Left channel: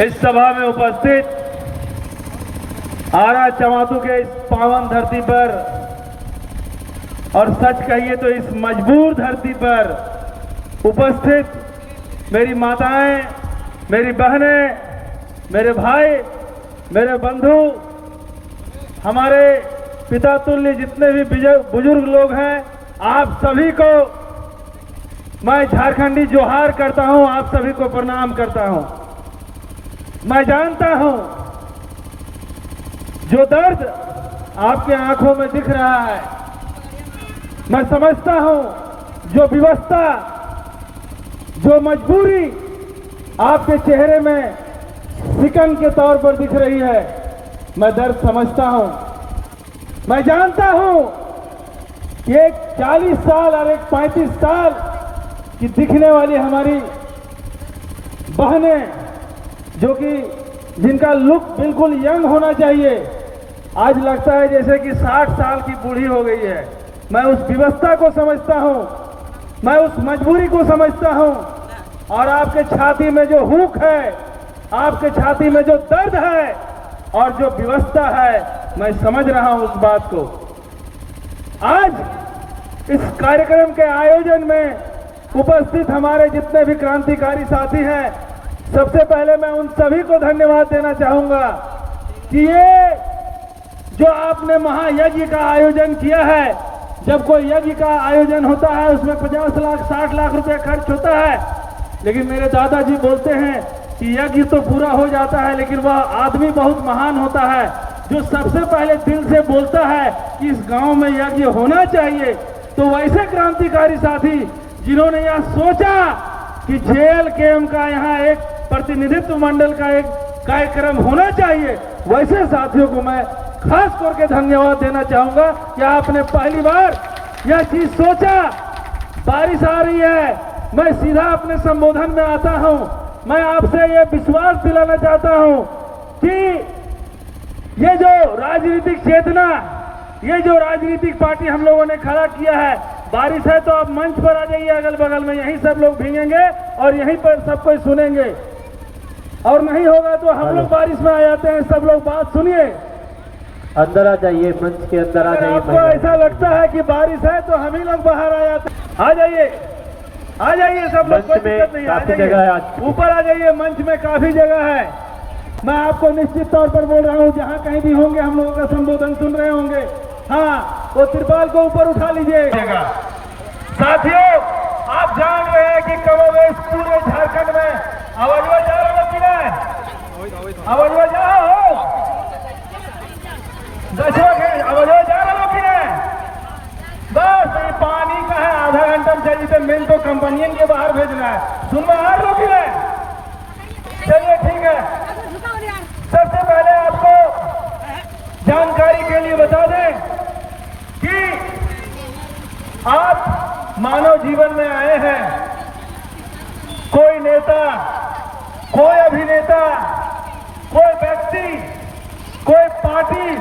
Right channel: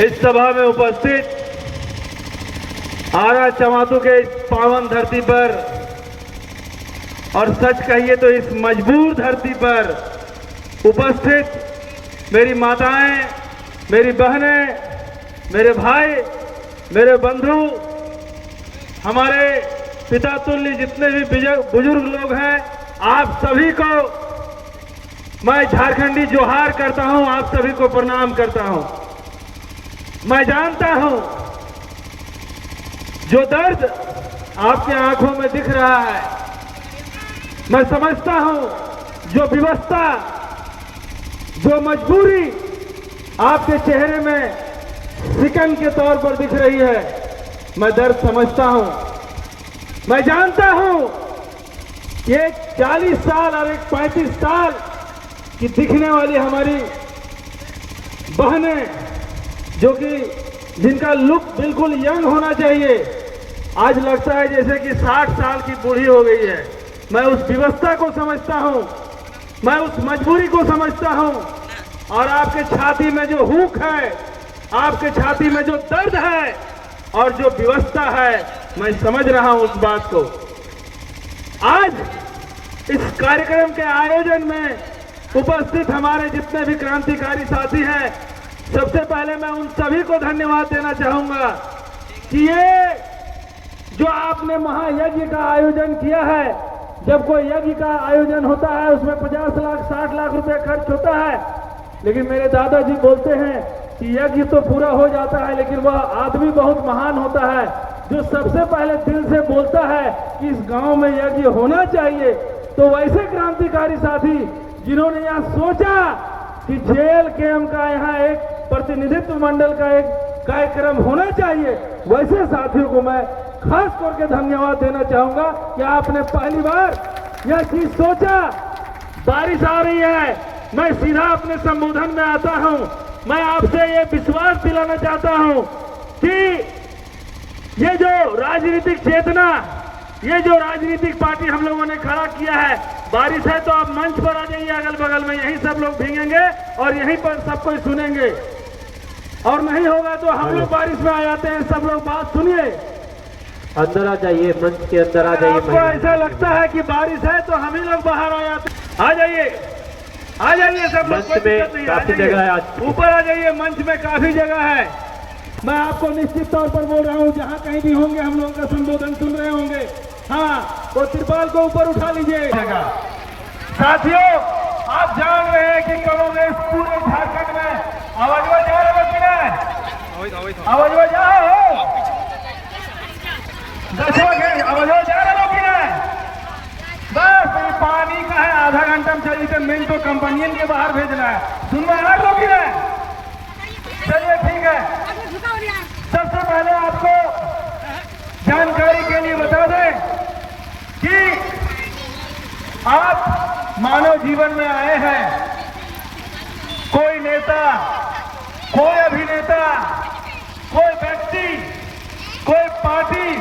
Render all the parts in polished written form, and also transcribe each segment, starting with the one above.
इस सभा में उपस्थित आरा चमातू के इस पावन धरती पर और सच कहिए तो इस मजबूर धरती पर उपस्थित मेरी माताएं, मेरी बहनें, मेरे भाई, मेरे बंधु, हमारे पिता तुल्य जितने भी बुजुर्ग लोग हैं, आप सभी को मैं झारखंडी जोहार करता हूं, आप सभी को प्रणाम करता हूं। मैं जानता हूं जो दर्द आपके आंखों में दिख रहा है, मैं समझता हूं जो विवशता, जो मजबूरी आपके चेहरे में सिकन के तौर पर दिख रही है, मैं दर्द समझता हूं। मैं जानता हूं कि एक 40 साल और एक 35 साल की दिखने वाली हमारी बहनें, जो कि जिनका लुक बिल्कुल यंग होना चाहिए, आज लगता है जैसे कि 60 साल की बूढ़ी हो गई है। मैं उस विवशता को समझता हूं, मैं उस मजबूरी को समझता हूं, और आपके छाती में जो हुक है, आपके छाती में जो दर्द है और जो विवशता है, मैं समझ रहा हूं उस बात को। आज इस कार्यक्रम के आयोजन में उपस्थित हमारे जितने भी क्रांतिकारी साथी हैं, सबसे पहले मैं उन सभी को धन्यवाद देना चाहूंगा कि ये जो आपने महायज्ञ का आयोजन किया है। जब कोई यज्ञ का आयोजन होता है उसमें 50 लाख 60 लाख रुपए खर्च होता है, लेकिन मेरे दादाजी बोलते हैं कि यज्ञ तो पूरा हो जाता है, लेकिन वह आदमी बहुत महान होता है जो सबसे पहले दिल से बोलता है कि इस गांव में यज्ञ होना चाहिए। तो वैसे क्रांतिकारी साथी जिन्होंने यह सोचा कि जेल कैंप का यहाँ एक प्रतिनिधित्व मंडल का एक कार्यक्रम होना चाहिए, वैसे साथियों को मैं खास करके धन्यवाद देना चाहूंगा कि आपने पहली बार यह चीज सोचा। बारिश आ रही है, मैं सीधा अपने संबोधन में आता हूं। मैं आपसे यह विश्वास दिलाना चाहता हूं कि ये जो राजनीतिक चेतना, ये जो राजनीतिक पार्टी हम लोगों ने खड़ा किया है, बारिश है तो आप मंच पर आ जाइए, अगल बगल में यहीं सब लोग भीगेंगे और यहीं पर सब कोई सुनेंगे, और नहीं होगा तो हम लोग बारिश में आ जाते हैं। सब लोग बात सुनिए, अंदर आ जाइए, मंच के अंदर आ जाइए। आपको ऐसा लगता है कि बारिश है तो हम ही लोग बाहर आ जाते हैं, आ जाइए, आ जाइए सब लोग, कोई दिक्कत नहीं, काफी जगह है, आज ऊपर आ जाइए, मंच में काफी जगह है। मैं आपको निश्चित तौर पर बोल रहा हूँ, जहाँ कहीं भी होंगे हम लोगों का संबोधन सुन रहे होंगे, हाँ वो तिरपाल को ऊपर उठा लीजिए। साथियों, आप जान रहे हैं कि कमोवेश पूरे झारखंड में आवाज जा रहा है कि नहीं? आवाज जा रहा हो, आवाज जा रहा हो कि नहीं? बस ये पानी का है, आधा घंटा में चल जिसे मिल तो कंपनियन के बाहर भेजना है, सुन में आ रहा कि नहीं? चलिए ठीक है। सबसे पहले आपको जानकारी के लिए बता दें कि आप मानव जीवन में आए हैं। कोई नेता, कोई अभिनेता, कोई व्यक्ति, कोई पार्टी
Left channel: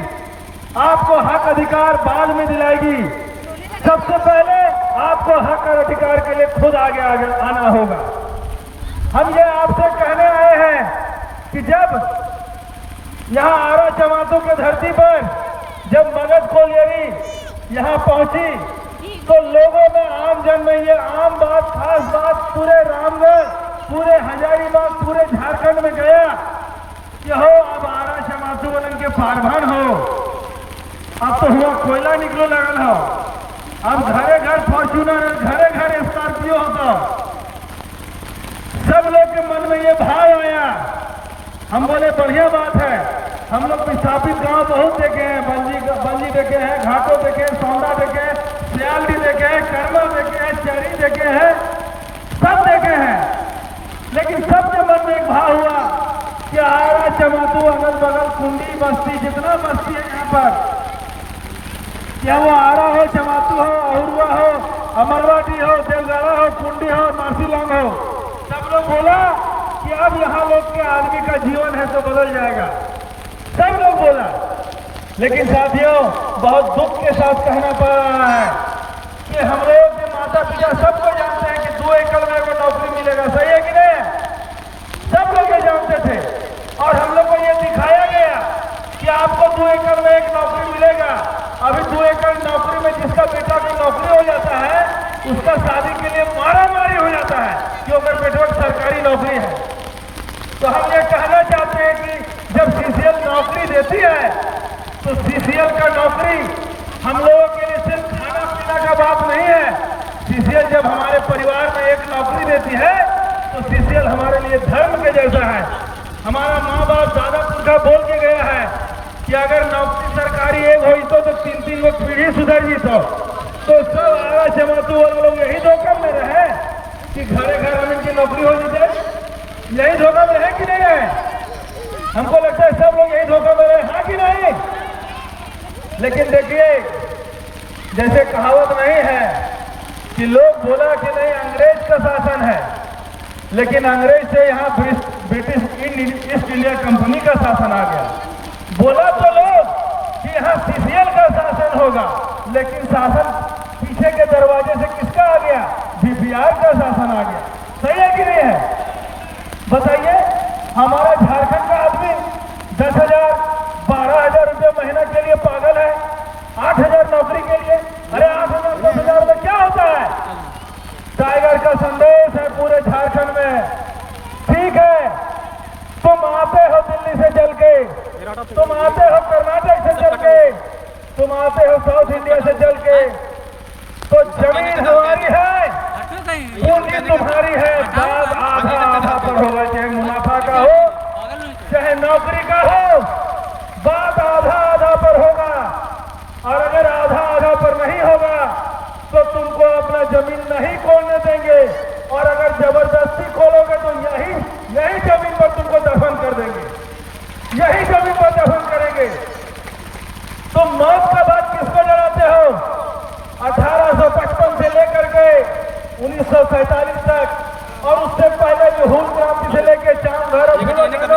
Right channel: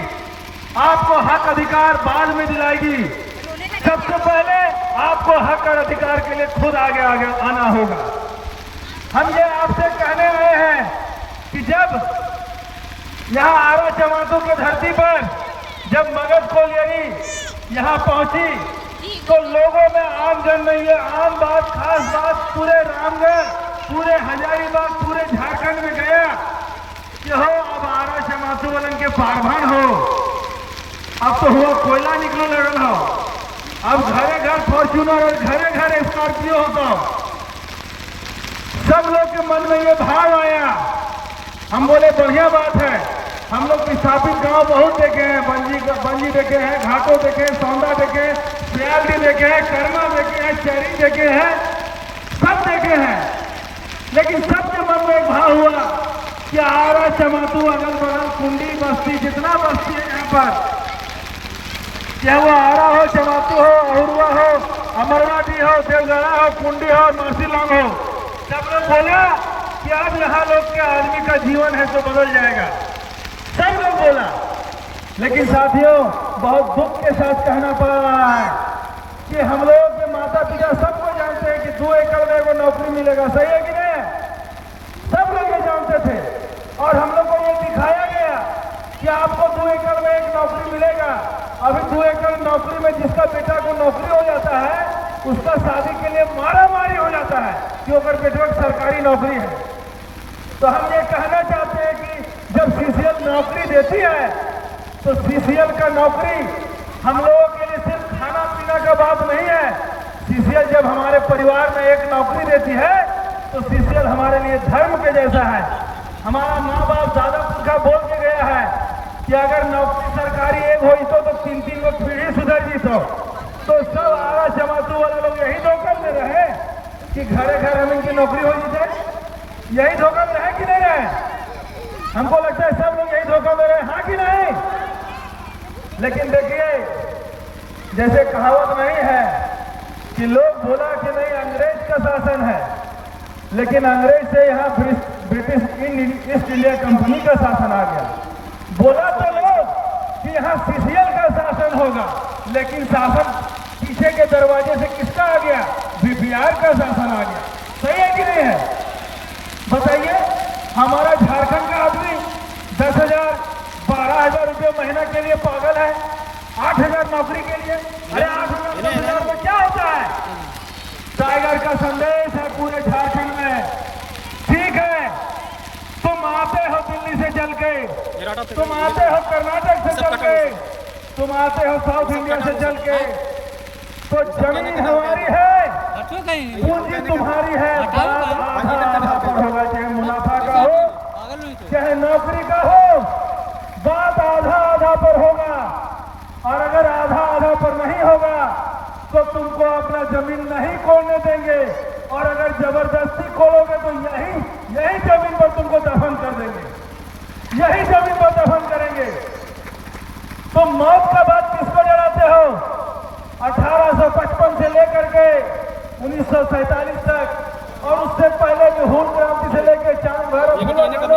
आपको हक अधिकार बाद में दिलाएगी। सबसे पहले आपको हक और अधिकार के लिए खुद आगे आना होगा। हम ये आपसे कहने आए हैं कि जब यहाँ आरा चमातू के धरती पर जब मगध कोलियरी यहाँ पहुंची तो लोगों में आम जन में ये आम बात, खास बात पूरे रामगढ़, पूरे हजारीबाग, पूरे झारखंड में गया कि हो अब आरा चमातू वालन के पारभन हो, अब तो हुआ कोयला निकले लगल हो, अब घरे घर फॉर्च्यूनर, घरे घर स्कॉर्पियो हो। तो सब लोग के मन में ये भाव आया। हम बोले बढ़िया बात है, हम लोग विस्थापित गांव बहुत देखे हैं, बंजी देखे हैं, घाटो देखे हैं, सौंदा देखे हैं, सियाली देखे हैं, करमा देखे हैं, चैरी देखे हैं, सब देखे हैं, लेकिन सबके मन में एक भाव हुआ कि आरा चमातू, अगल बगल कुंडी बस्ती, जितना बस्ती है यहाँ पर, चाहे वो आरा हो, चमातू हो, अहुरिया हो, अमरवाटी हो, देवगढ़ा हो, कुंडी हो, मासीलांग हो, सब लोग बोला कि अब यहाँ लोग के आदमी का जीवन है तो बदल जाएगा। सब लोग बोला, लेकिन साथियों बहुत दुख के साथ कहना पड़ रहा है कि हम लोग के माता पिता सबको जानते हैं कि 2 एकड़ में वो नौकरी मिलेगा, सही है कि नहीं? सब लोग ये जानते थे, उसका शादी के लिए मारामारी हो जाता है कि अगर बेटवा सरकारी नौकरी है। तो हम ये कहना चाहते हैं कि जब सीसीएल नौकरी देती है तो सीसीएल का नौकरी हम लोगों के लिए सिर्फ खाना पीना का बात नहीं है। सीसीएल जब हमारे परिवार में एक नौकरी देती है तो सीसीएल हमारे लिए धर्म के जैसा है। हमारा माँ बाप दादा का बोल के गया है कि अगर नौकरी सरकारी एक हो तो 3-3 लोग पीढ़ी सुधर जी तो सब आवाज जमातू वाले लोग यही धोखा में रहे कि घरे घर हम इनकी नौकरी हो जाए। यही धोखा में है कि नहीं है? हमको लगता है सब लोग यही धोखा में रहे, हाँ कि नहीं? लेकिन देखिए, जैसे कहावत नहीं है कि लोग बोला कि नहीं अंग्रेज का शासन है, लेकिन अंग्रेज से यहाँ ब्रिटिश ईस्ट इंडिया कंपनी का शासन आ गया। बोला तो लोग कि यहाँ सीसीएल का शासन होगा, लेकिन शासन पीछे के दरवाजे से किसका आ गया? बीपीआर का शासन आ गया। सही है कि नहीं है? बताइए, हमारा झारखंड का आदमी 10,000 12,000 रुपये महीना के लिए पागल है, 8,000 नौकरी के लिए। अरे 8,000 में क्या होता है? टाइगर का संदेश है पूरे झारखंड में। ठीक है, तुम आते हो दिल्ली से चल के, तुम आते हो कर्नाटक से चल के, तुम आते हो साउथ इंडिया से चल के, तो जमीन हमारी है, पूंजी तुम्हारी है। बात आधा आधा पर होगा, चाहे मुनाफा का हो चाहे नौकरी का हो, बात आधा आधा पर होगा। और अगर आधा आधा पर नहीं होगा तो तुमको अपना जमीन नहीं खोलने देंगे, और अगर जबरदस्ती खोलोगे तो यही जमीन पर तुमको दफन कर देंगे, यही जमीन पर दफन करेंगे। तुम मौत का बात किसको जलाते हो? 1855 से लेकर के 1947 तक, और उससे पहले जो हून क्रांति से लेकर चांद भारत से लेकर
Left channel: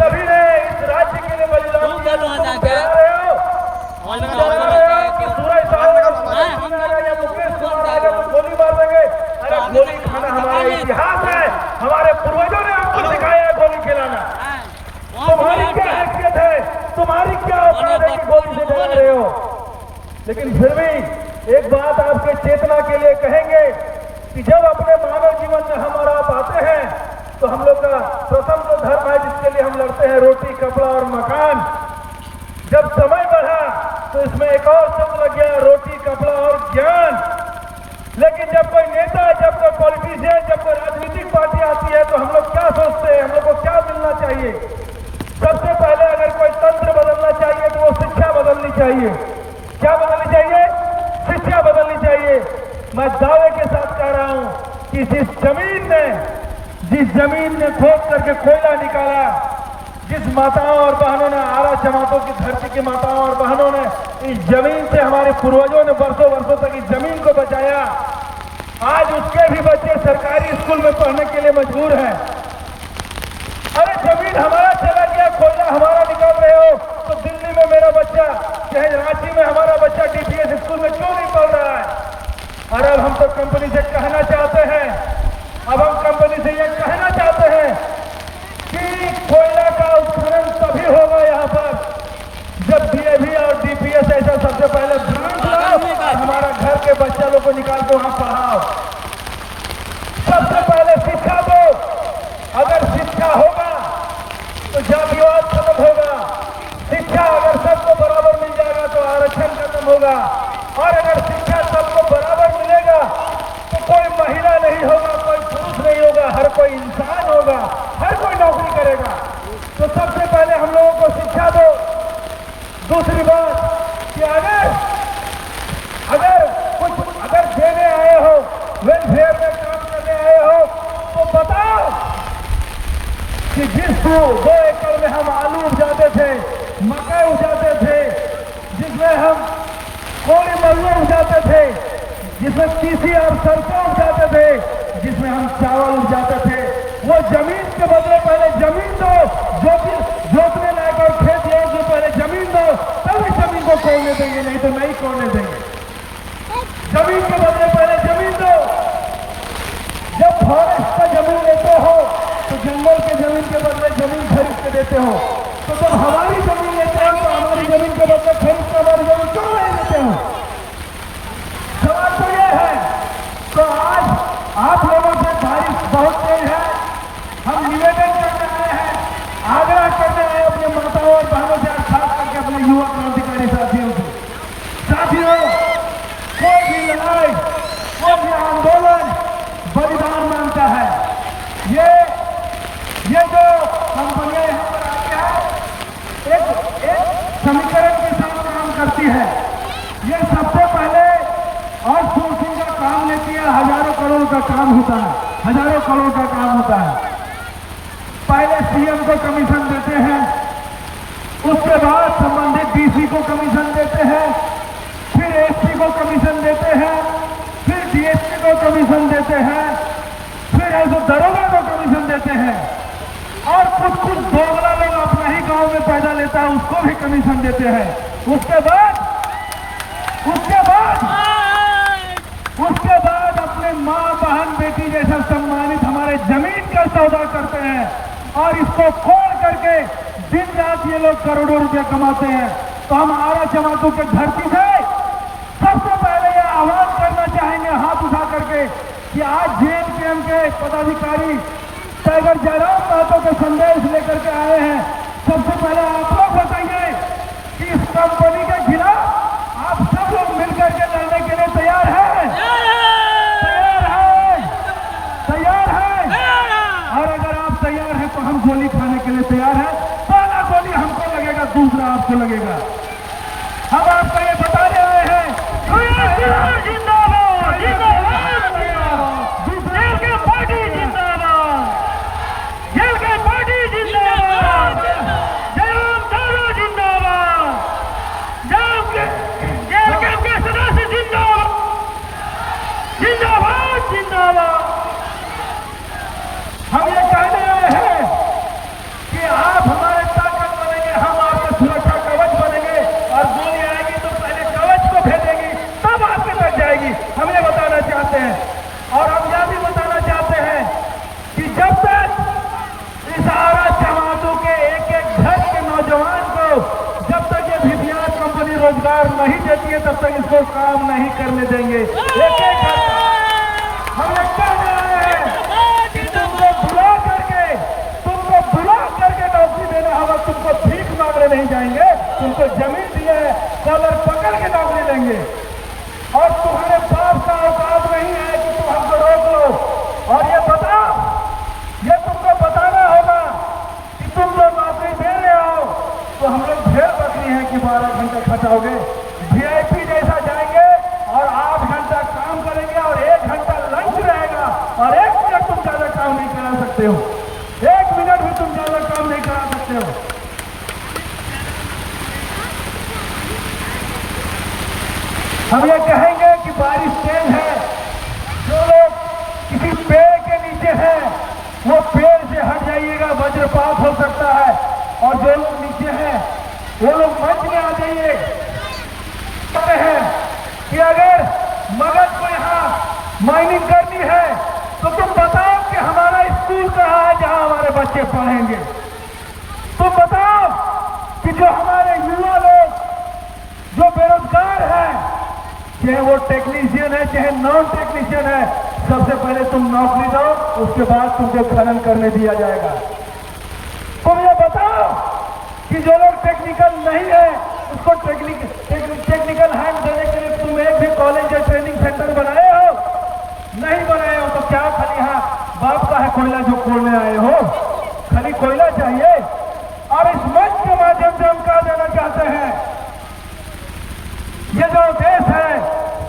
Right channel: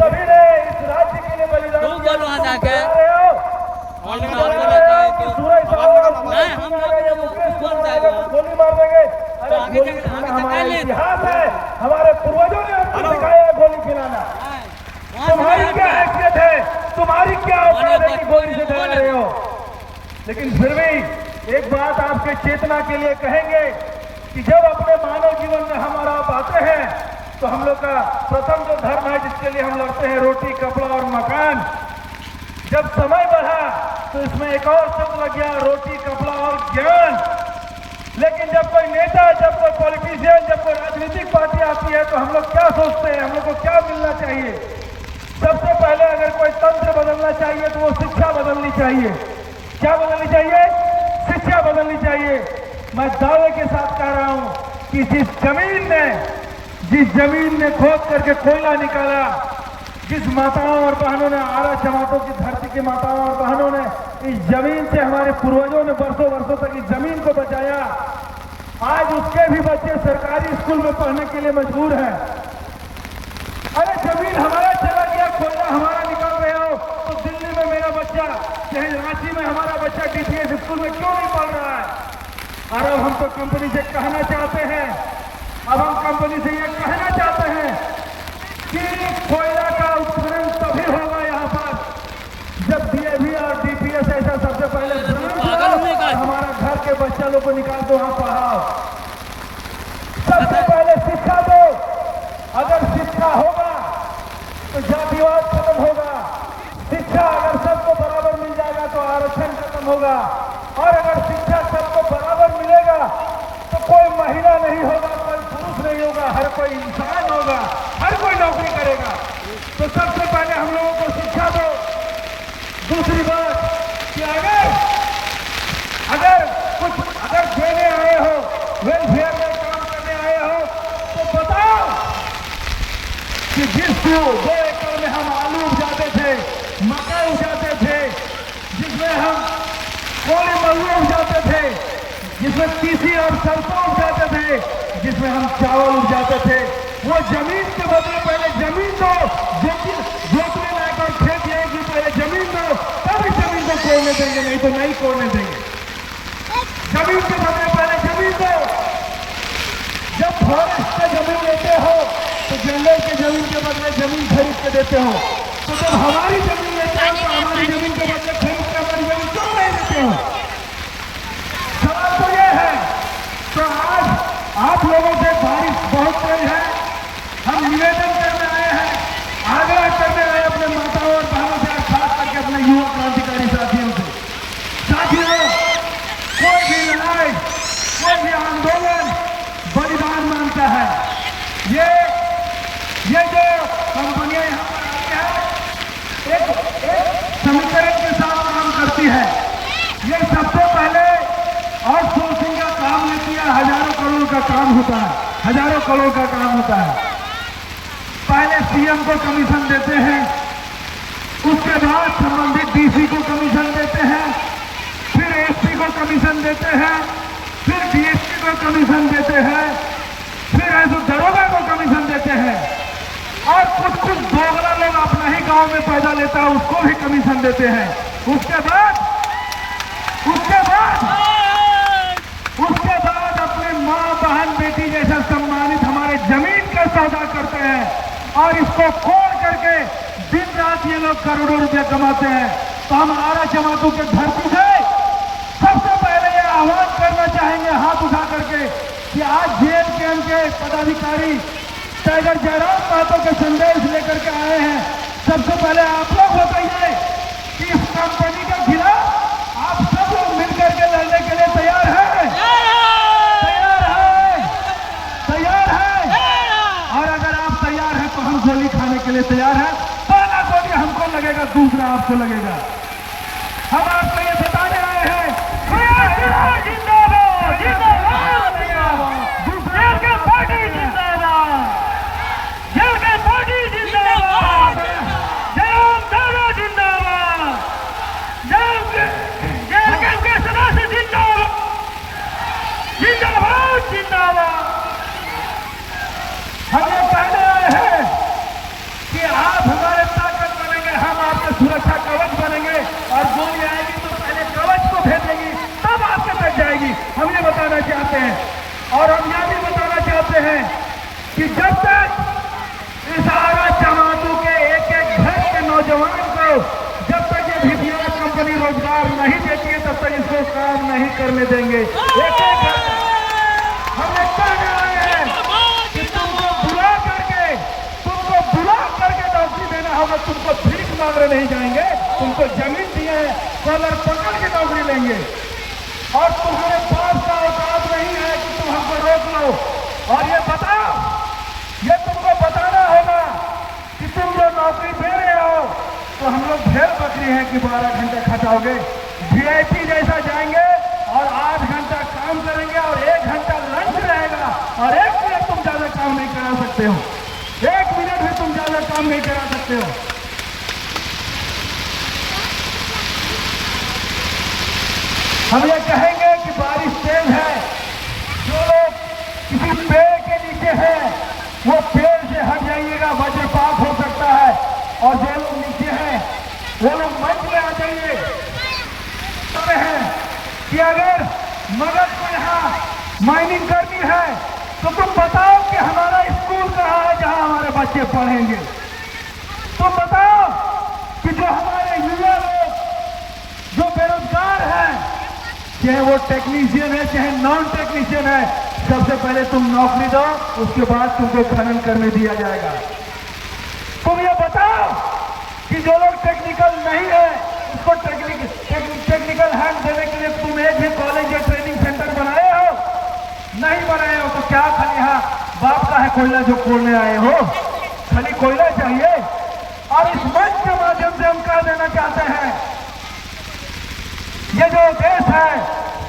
सभी ने इस राज्य के लिए बलिदान गोली मार देंगे। अरे गोली खाना हमारा इतिहास है, हमारे पूर्वजों ने हमको सिखाया है गोली खिलाना। तुम्हारी क्या हैसियत है, तुम्हारी क्या औकात है कि गोली से डरा रहे हो? लेकिन फिर भी एक बात आपके चेतना के लिए कहेंगे कि जब अपने मानव जीवन में हम और आप आते हैं तो हम लोग का प्रथम जो धर्म है जिसके लिए हम लड़ते हैं, रोटी कपड़ा और मकान, जब समय बढ़ा तो उसमें एक और शब्द लग गया, रोटी कपड़ा और ज्ञान। लेकिन जब कोई नेता, जब कोई पॉलिटिशियन, जब कोई राजनीतिक पार्टी आती है तो हम लोग क्या सोचते हैं, हम लोग को क्या मिलना चाहिए? सबसे पहले अगर कोई तंत्र बदलना चाहिए तो वो शिक्षा बदलनी चाहिए। क्या बदलनी चाहिए? शिक्षा बदलनी चाहिए। मैं दावे के साथ कह रहा हूं कि जिस जमीन ने खोद करके कोयला निकाला, जिस माताओं और बहनों ने, आरा जमातों की धरती की माताओं और बहनों ने इस जमीन से, हमारे पूर्वजों ने वर्षों तक इस जमीन को बचाया, आज उसके भी बच्चे सरकारी स्कूल में पढ़ने के लिए मजबूर हैं। अरे जमीन हमारा चला गया, कोयला हमारा निकाल रहे हो तो दिल्ली में मेरा बच्चा, चाहे रांची में हमारा बच्चा डीटीएस स्कूल में क्यों नहीं पढ़ रहा है? अरे अब हम तो कंपनी से कहना चाहते हैं, अब हम कंपनी से यह कहना चाहते हैं कि कोयला का उत्खनन तभी होगा यहाँ पर जब डीएवी और डीपीएस ऐसा सबसे पहले हमारा घर के बच्चा लोग को निकाल दो, वहां पढ़ाओ। सबसे पहले शिक्षा दो। अगर शिक्षा होगा तो जातिवाद खत्म होगा। शिक्षा अगर सबको बराबर मिल जाएगा तो आरक्षण खत्म होगा। और अगर शिक्षा सबको बराबर मिलेगा तो कोई महिला नहीं होगा, कोई पुरुष नहीं होगा, हर कोई इंसान होगा, हर कोई नौकरी करेगा। तो सबसे पहले हम लोगों को शिक्षा दो। दूसरी बात कि अगर देने आए हो, वेलफेयर में काम करने आए हो तो बताओ कि जिस 2 एकड़ में हम आलू उपजाते थे, मकई उपजाते थे, जिसमें हम कोई मल्लू उपजाते थे, जिसमें तीसी और सरसों उपजाते थे, जिसमें हम चावल उपजाते थे, वो जमीन के बदले पहले जमीन दो, जोतने लायक और खेत जो पहले जमीन दो, तब इस जमीन को कोड़ने देंगे, नहीं तो नहीं कोड़ने देंगे। जमीन के बदले पहले जमीन दो। जब फॉरेस्ट का जमीन लेते हो तो जंगल के जमीन के बदले जमीन खरीद के देते हो, तो जब हमारी जमीन लेते हो तो हमारी हमारी जमीन क्यों नहीं देते हो? सवाल तो ये है। तो आज आप लोगों से बारिश बहुत तेज है, हम निवेदन करने आए हैं, आग्रह करने आए अपने माताओं और बहनों से, खास करके अपने युवा क्रांतिकारी साथियों से। साथियों, कोई भी लड़ाई, कोई भी आंदोलन बलिदान मांगता है। ये जो कंपनियां यहाँ पर आती है, एक समीकरण के साथ काम करती है। ये सबसे पहले और सोचने का काम लेती है, हजारों करोड़ का काम होता है, हजारों करोड़ का काम होता है। पहले सीएम को कमीशन देते हैं, उसके बाद संबंधित डीसी को कमीशन देते हैं, फिर एसपी को कमीशन देते हैं, फिर डीएसपी को कमीशन देते हैं, फिर ऐसे दरोगा को कमीशन देते हैं, और कुछ दोगला लोग अपना ही गांव में पैदा लेता है उसको भी कमीशन देते हैं। उसके बाद अपने माँ बहन बेटी जैसा सम्मानित हमारे जमीन का सौदा करते हैं और इसको खोल करके दिन रात ये लोग करोड़ों रुपए कमाते हैं। तो हम आरा जमातों के धरती से सबसे पहले ये आह्वान करना चाहेंगे हाथ उठा करके कि आज जेएमकेएम के पदाधिकारी टाइगर जयराम महतो के संदेश लेकर के आए हैं। सबसे पहले आप लोग बताइए कि इस कंपनी के खिलाफ आप सब लोग मिलकर के लड़ने के लिए तैयार हैं? तैयार हैं? और अगर आप तैयार हैं तो हम गोली खाने के लिए तैयार हैं। पहला गोली हमको लगेगा, दूसरा आपको लगेगा। हम आपको ये बताने आए हैं, जिंदाबाद, जिंदाबाद, दूसरा पार्टी जिंदाबाद, पार्टी जिंदाबाद, जयराम दादा जिंदाबाद, जेएमकेएम के सदस्य जिंदाबाद, जिंदाबाद, जिंदाबाद। हम ये कहने आए हैं कि आप हमारे ताकत बनेंगे, हम आपके सुरक्षा कवच बनेंगे, और गोली आएगी तो पहले कवच को भेजेंगी, तब आपके तक जाएगी। हम ये बताना चाहते हैं, और हम यह भी बताना चाहते हैं कि जब तक इस आरा जमातों के एक एक घर के नौजवान को जब तक ये भिटियार कंपनी रोजगार नहीं देती है तब तक इसको काम नहीं करने देंगे। एक एक हम लोग कहने आए हैं कि तुमको बुला करके नौकरी देना होगा। तुमको भीख मांगने नहीं जाएंगे, तुमको जमीन दिया है, कॉलर पकड़ के नौकरी देंगे। और तुम्हारे पास का औकात नहीं है कि तुम हमको रोक लो। और ये तुमको बताना होगा कि तुम जो नौकरी दे रहे हो तो हम लोग ढेर बकरी हैं कि 12 घंटे खटाओगे। वीआईपी जैसा जाएंगे और 8 घंटा काम करेंगे और 1 घंटा लंच रहेगा, और 1 मिनट तुम ज्यादा काम नहीं करा सकते हो, 1 मिनट भी तुम ज्यादा काम नहीं करा सकते हो। हम ये कहेंगे कि बारिश तेज है, जो लोग किसी पेड़ के नीचे हैं वो पेड़ से हट जाइएगा, वज्रपात हो सकता है। और जो लोग नीचे हैं वो लोग मंच में आ जाइए। कहते हैं कि अगर मगध को यहाँ माइनिंग करनी है तो तुम बताओ कि हमारा स्कूल कहाँ है जहाँ हमारे बच्चे पढ़ेंगे। तुम बताओ कि जो हमारे युवा लोग जो बेरोजगार हैं, चाहे वो टेक्नीशियन है चाहे नॉन टेक्नीशियन है, सबसे पहले तुम नौकरी दो, उसके बाद तुमको खनन करने दिया जाएगा। तुम ये बताओ कि जो लोग टेक्निकल नहीं है उसको टेक्निकल हैंड देने के लिए तुम एक भी कॉलेज या ट्रेनिंग सेंटर बनाए हो? नहीं बनाए हो तो क्या खाली यहाँ बाप का है कोयला जो खोलने आए हो? खाली कोयला चाहिए। और इस मंच के माध्यम से हम कह देना चाहते हैं, ये जो देश है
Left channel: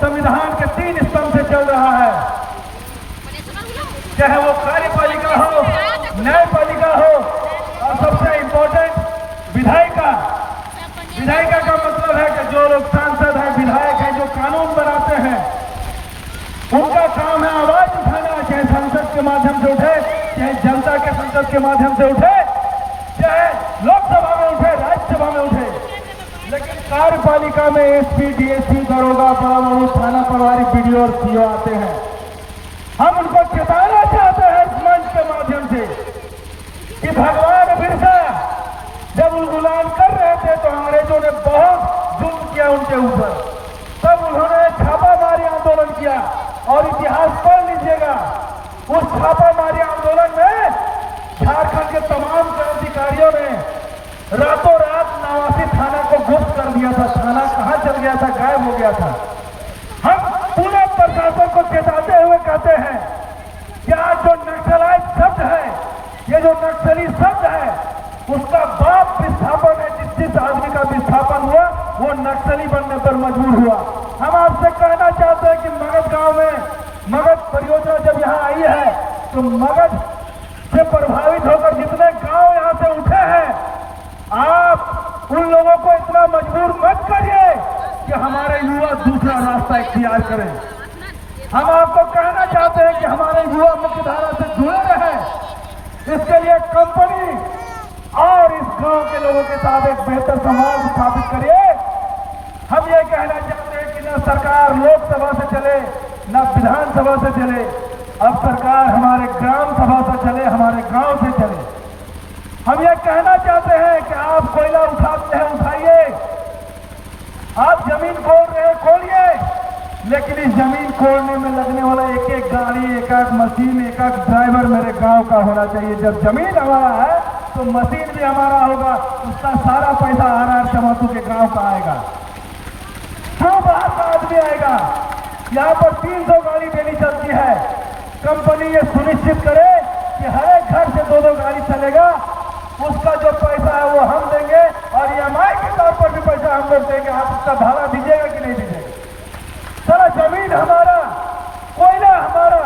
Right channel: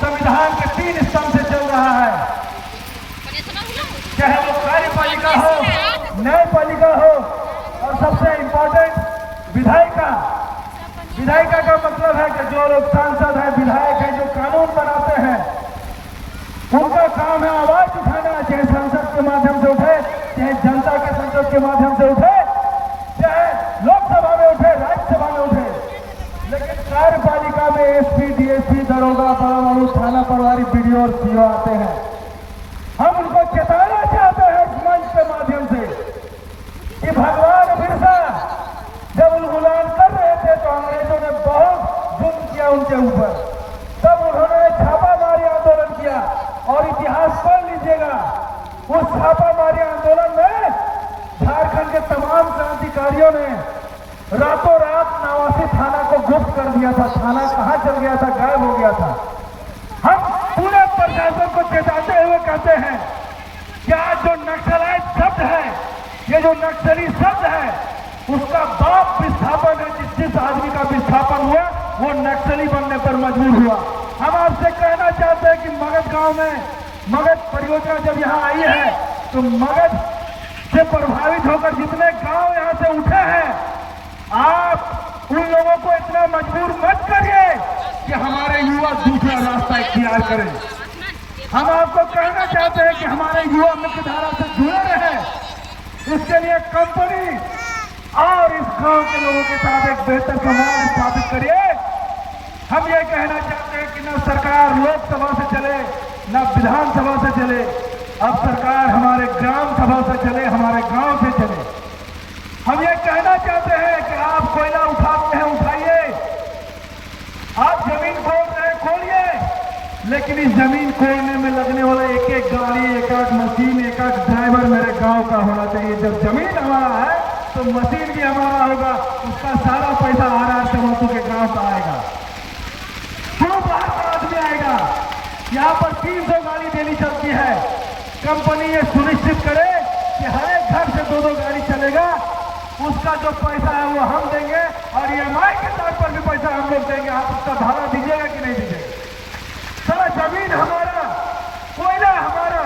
संविधान के 3 स्तंभ से चल रहा है, चाहे वो कार्यपालिका हो, न्यायपालिका हो, और सबसे इंपॉर्टेंट विधायिका। विधायिका का मतलब है कि जो लोग सांसद हैं, विधायक हैं, जो कानून बनाते हैं, उनका काम है आवाज उठाना, चाहे संसद के माध्यम से उठे, चाहे जनता के संसद के माध्यम से उठे, चाहे लोकसभा में उठे, राज्यसभा में उठे। लेकिन कार्यपालिका में एसपी, डीएसपी, दरोगा, बड़ा थाना प्रभारी, बीडीओ और सीओ आते हैं। हम उनको चेताना चाहते हैं इस मंच के माध्यम से कि भगवान बिरसा जब गुलाम कर रहे थे तो अंग्रेजों ने बहुत जुल्म किया उनके ऊपर, तब उन्होंने छापामारी आंदोलन किया। और इतिहास पढ़ लीजिएगा, उस छापामारी आंदोलन में झारखंड के तमाम क्रांतिकारियों ने रातों रात नवासी थाना को गुप्त कर दिया था। थाना कहां चल गया था, गायब हो गया था। हम पूरे प्रशासन को चेताते हुए कहते हैं कि आज जो नक्सलाइट शब्द है, ये जो नक्सली शब्द है, उसका बाप विस्थापन है। जिस आदमी का विस्थापन हुआ वो नक्सली बनने पर मजबूर हुआ। हम आपसे कहना चाहते हैं कि मगध गांव में मगध परियोजना जब यहाँ आई है तो मगध से प्रभावित होकर जितने गांव यहाँ से उठे हैं, आप उन लोगों को इतना मजबूर मत करिए कि हमारे युवा दूसरा रास्ता इख्तियार करें। हम आपको कहना चाहते हैं कि हमारे युवा मुख्य धारा से जुड़े रहे। इसके लिए कंपनी और इस गांव के लोगों के साथ एक बेहतर समाज स्थापित करिए। हम ये कहना चाहते हैं कि न सरकार लोकसभा से चले, न विधानसभा से चले, अब सरकार हमारे ग्राम सभा से चले, हमारे गांव से चले। हम ये कहना चाहते हैं कि आप कोयला उठाते हैं उठाइए, आप जमीन खोल रहे हैं खोलिए, लेकिन इस जमीन खोलने में लगने वाला एक एक गाड़ी, एक एक मशीन, एक एक ड्राइवर मेरे गांव का होना चाहिए। जब जमीन हमारा है तो मशीन भी हमारा होगा, उसका सारा पैसा RR चमातू के गांव का आएगा। क्यों बाहर का आदमी आएगा? यहाँ पर 300 गाड़ी डेली चलती है। कंपनी ये सुनिश्चित करे कि हर एक घर से 2-2 गाड़ी चलेगा, उसका जो पैसा है वो हम देंगे और EMI के तौर पर भी पैसा हम लोग देंगे। आप उसका भाड़ा दीजिएगा कि नहीं दीजिएगा? सारा जमीन हमारा, कोयला हमारा,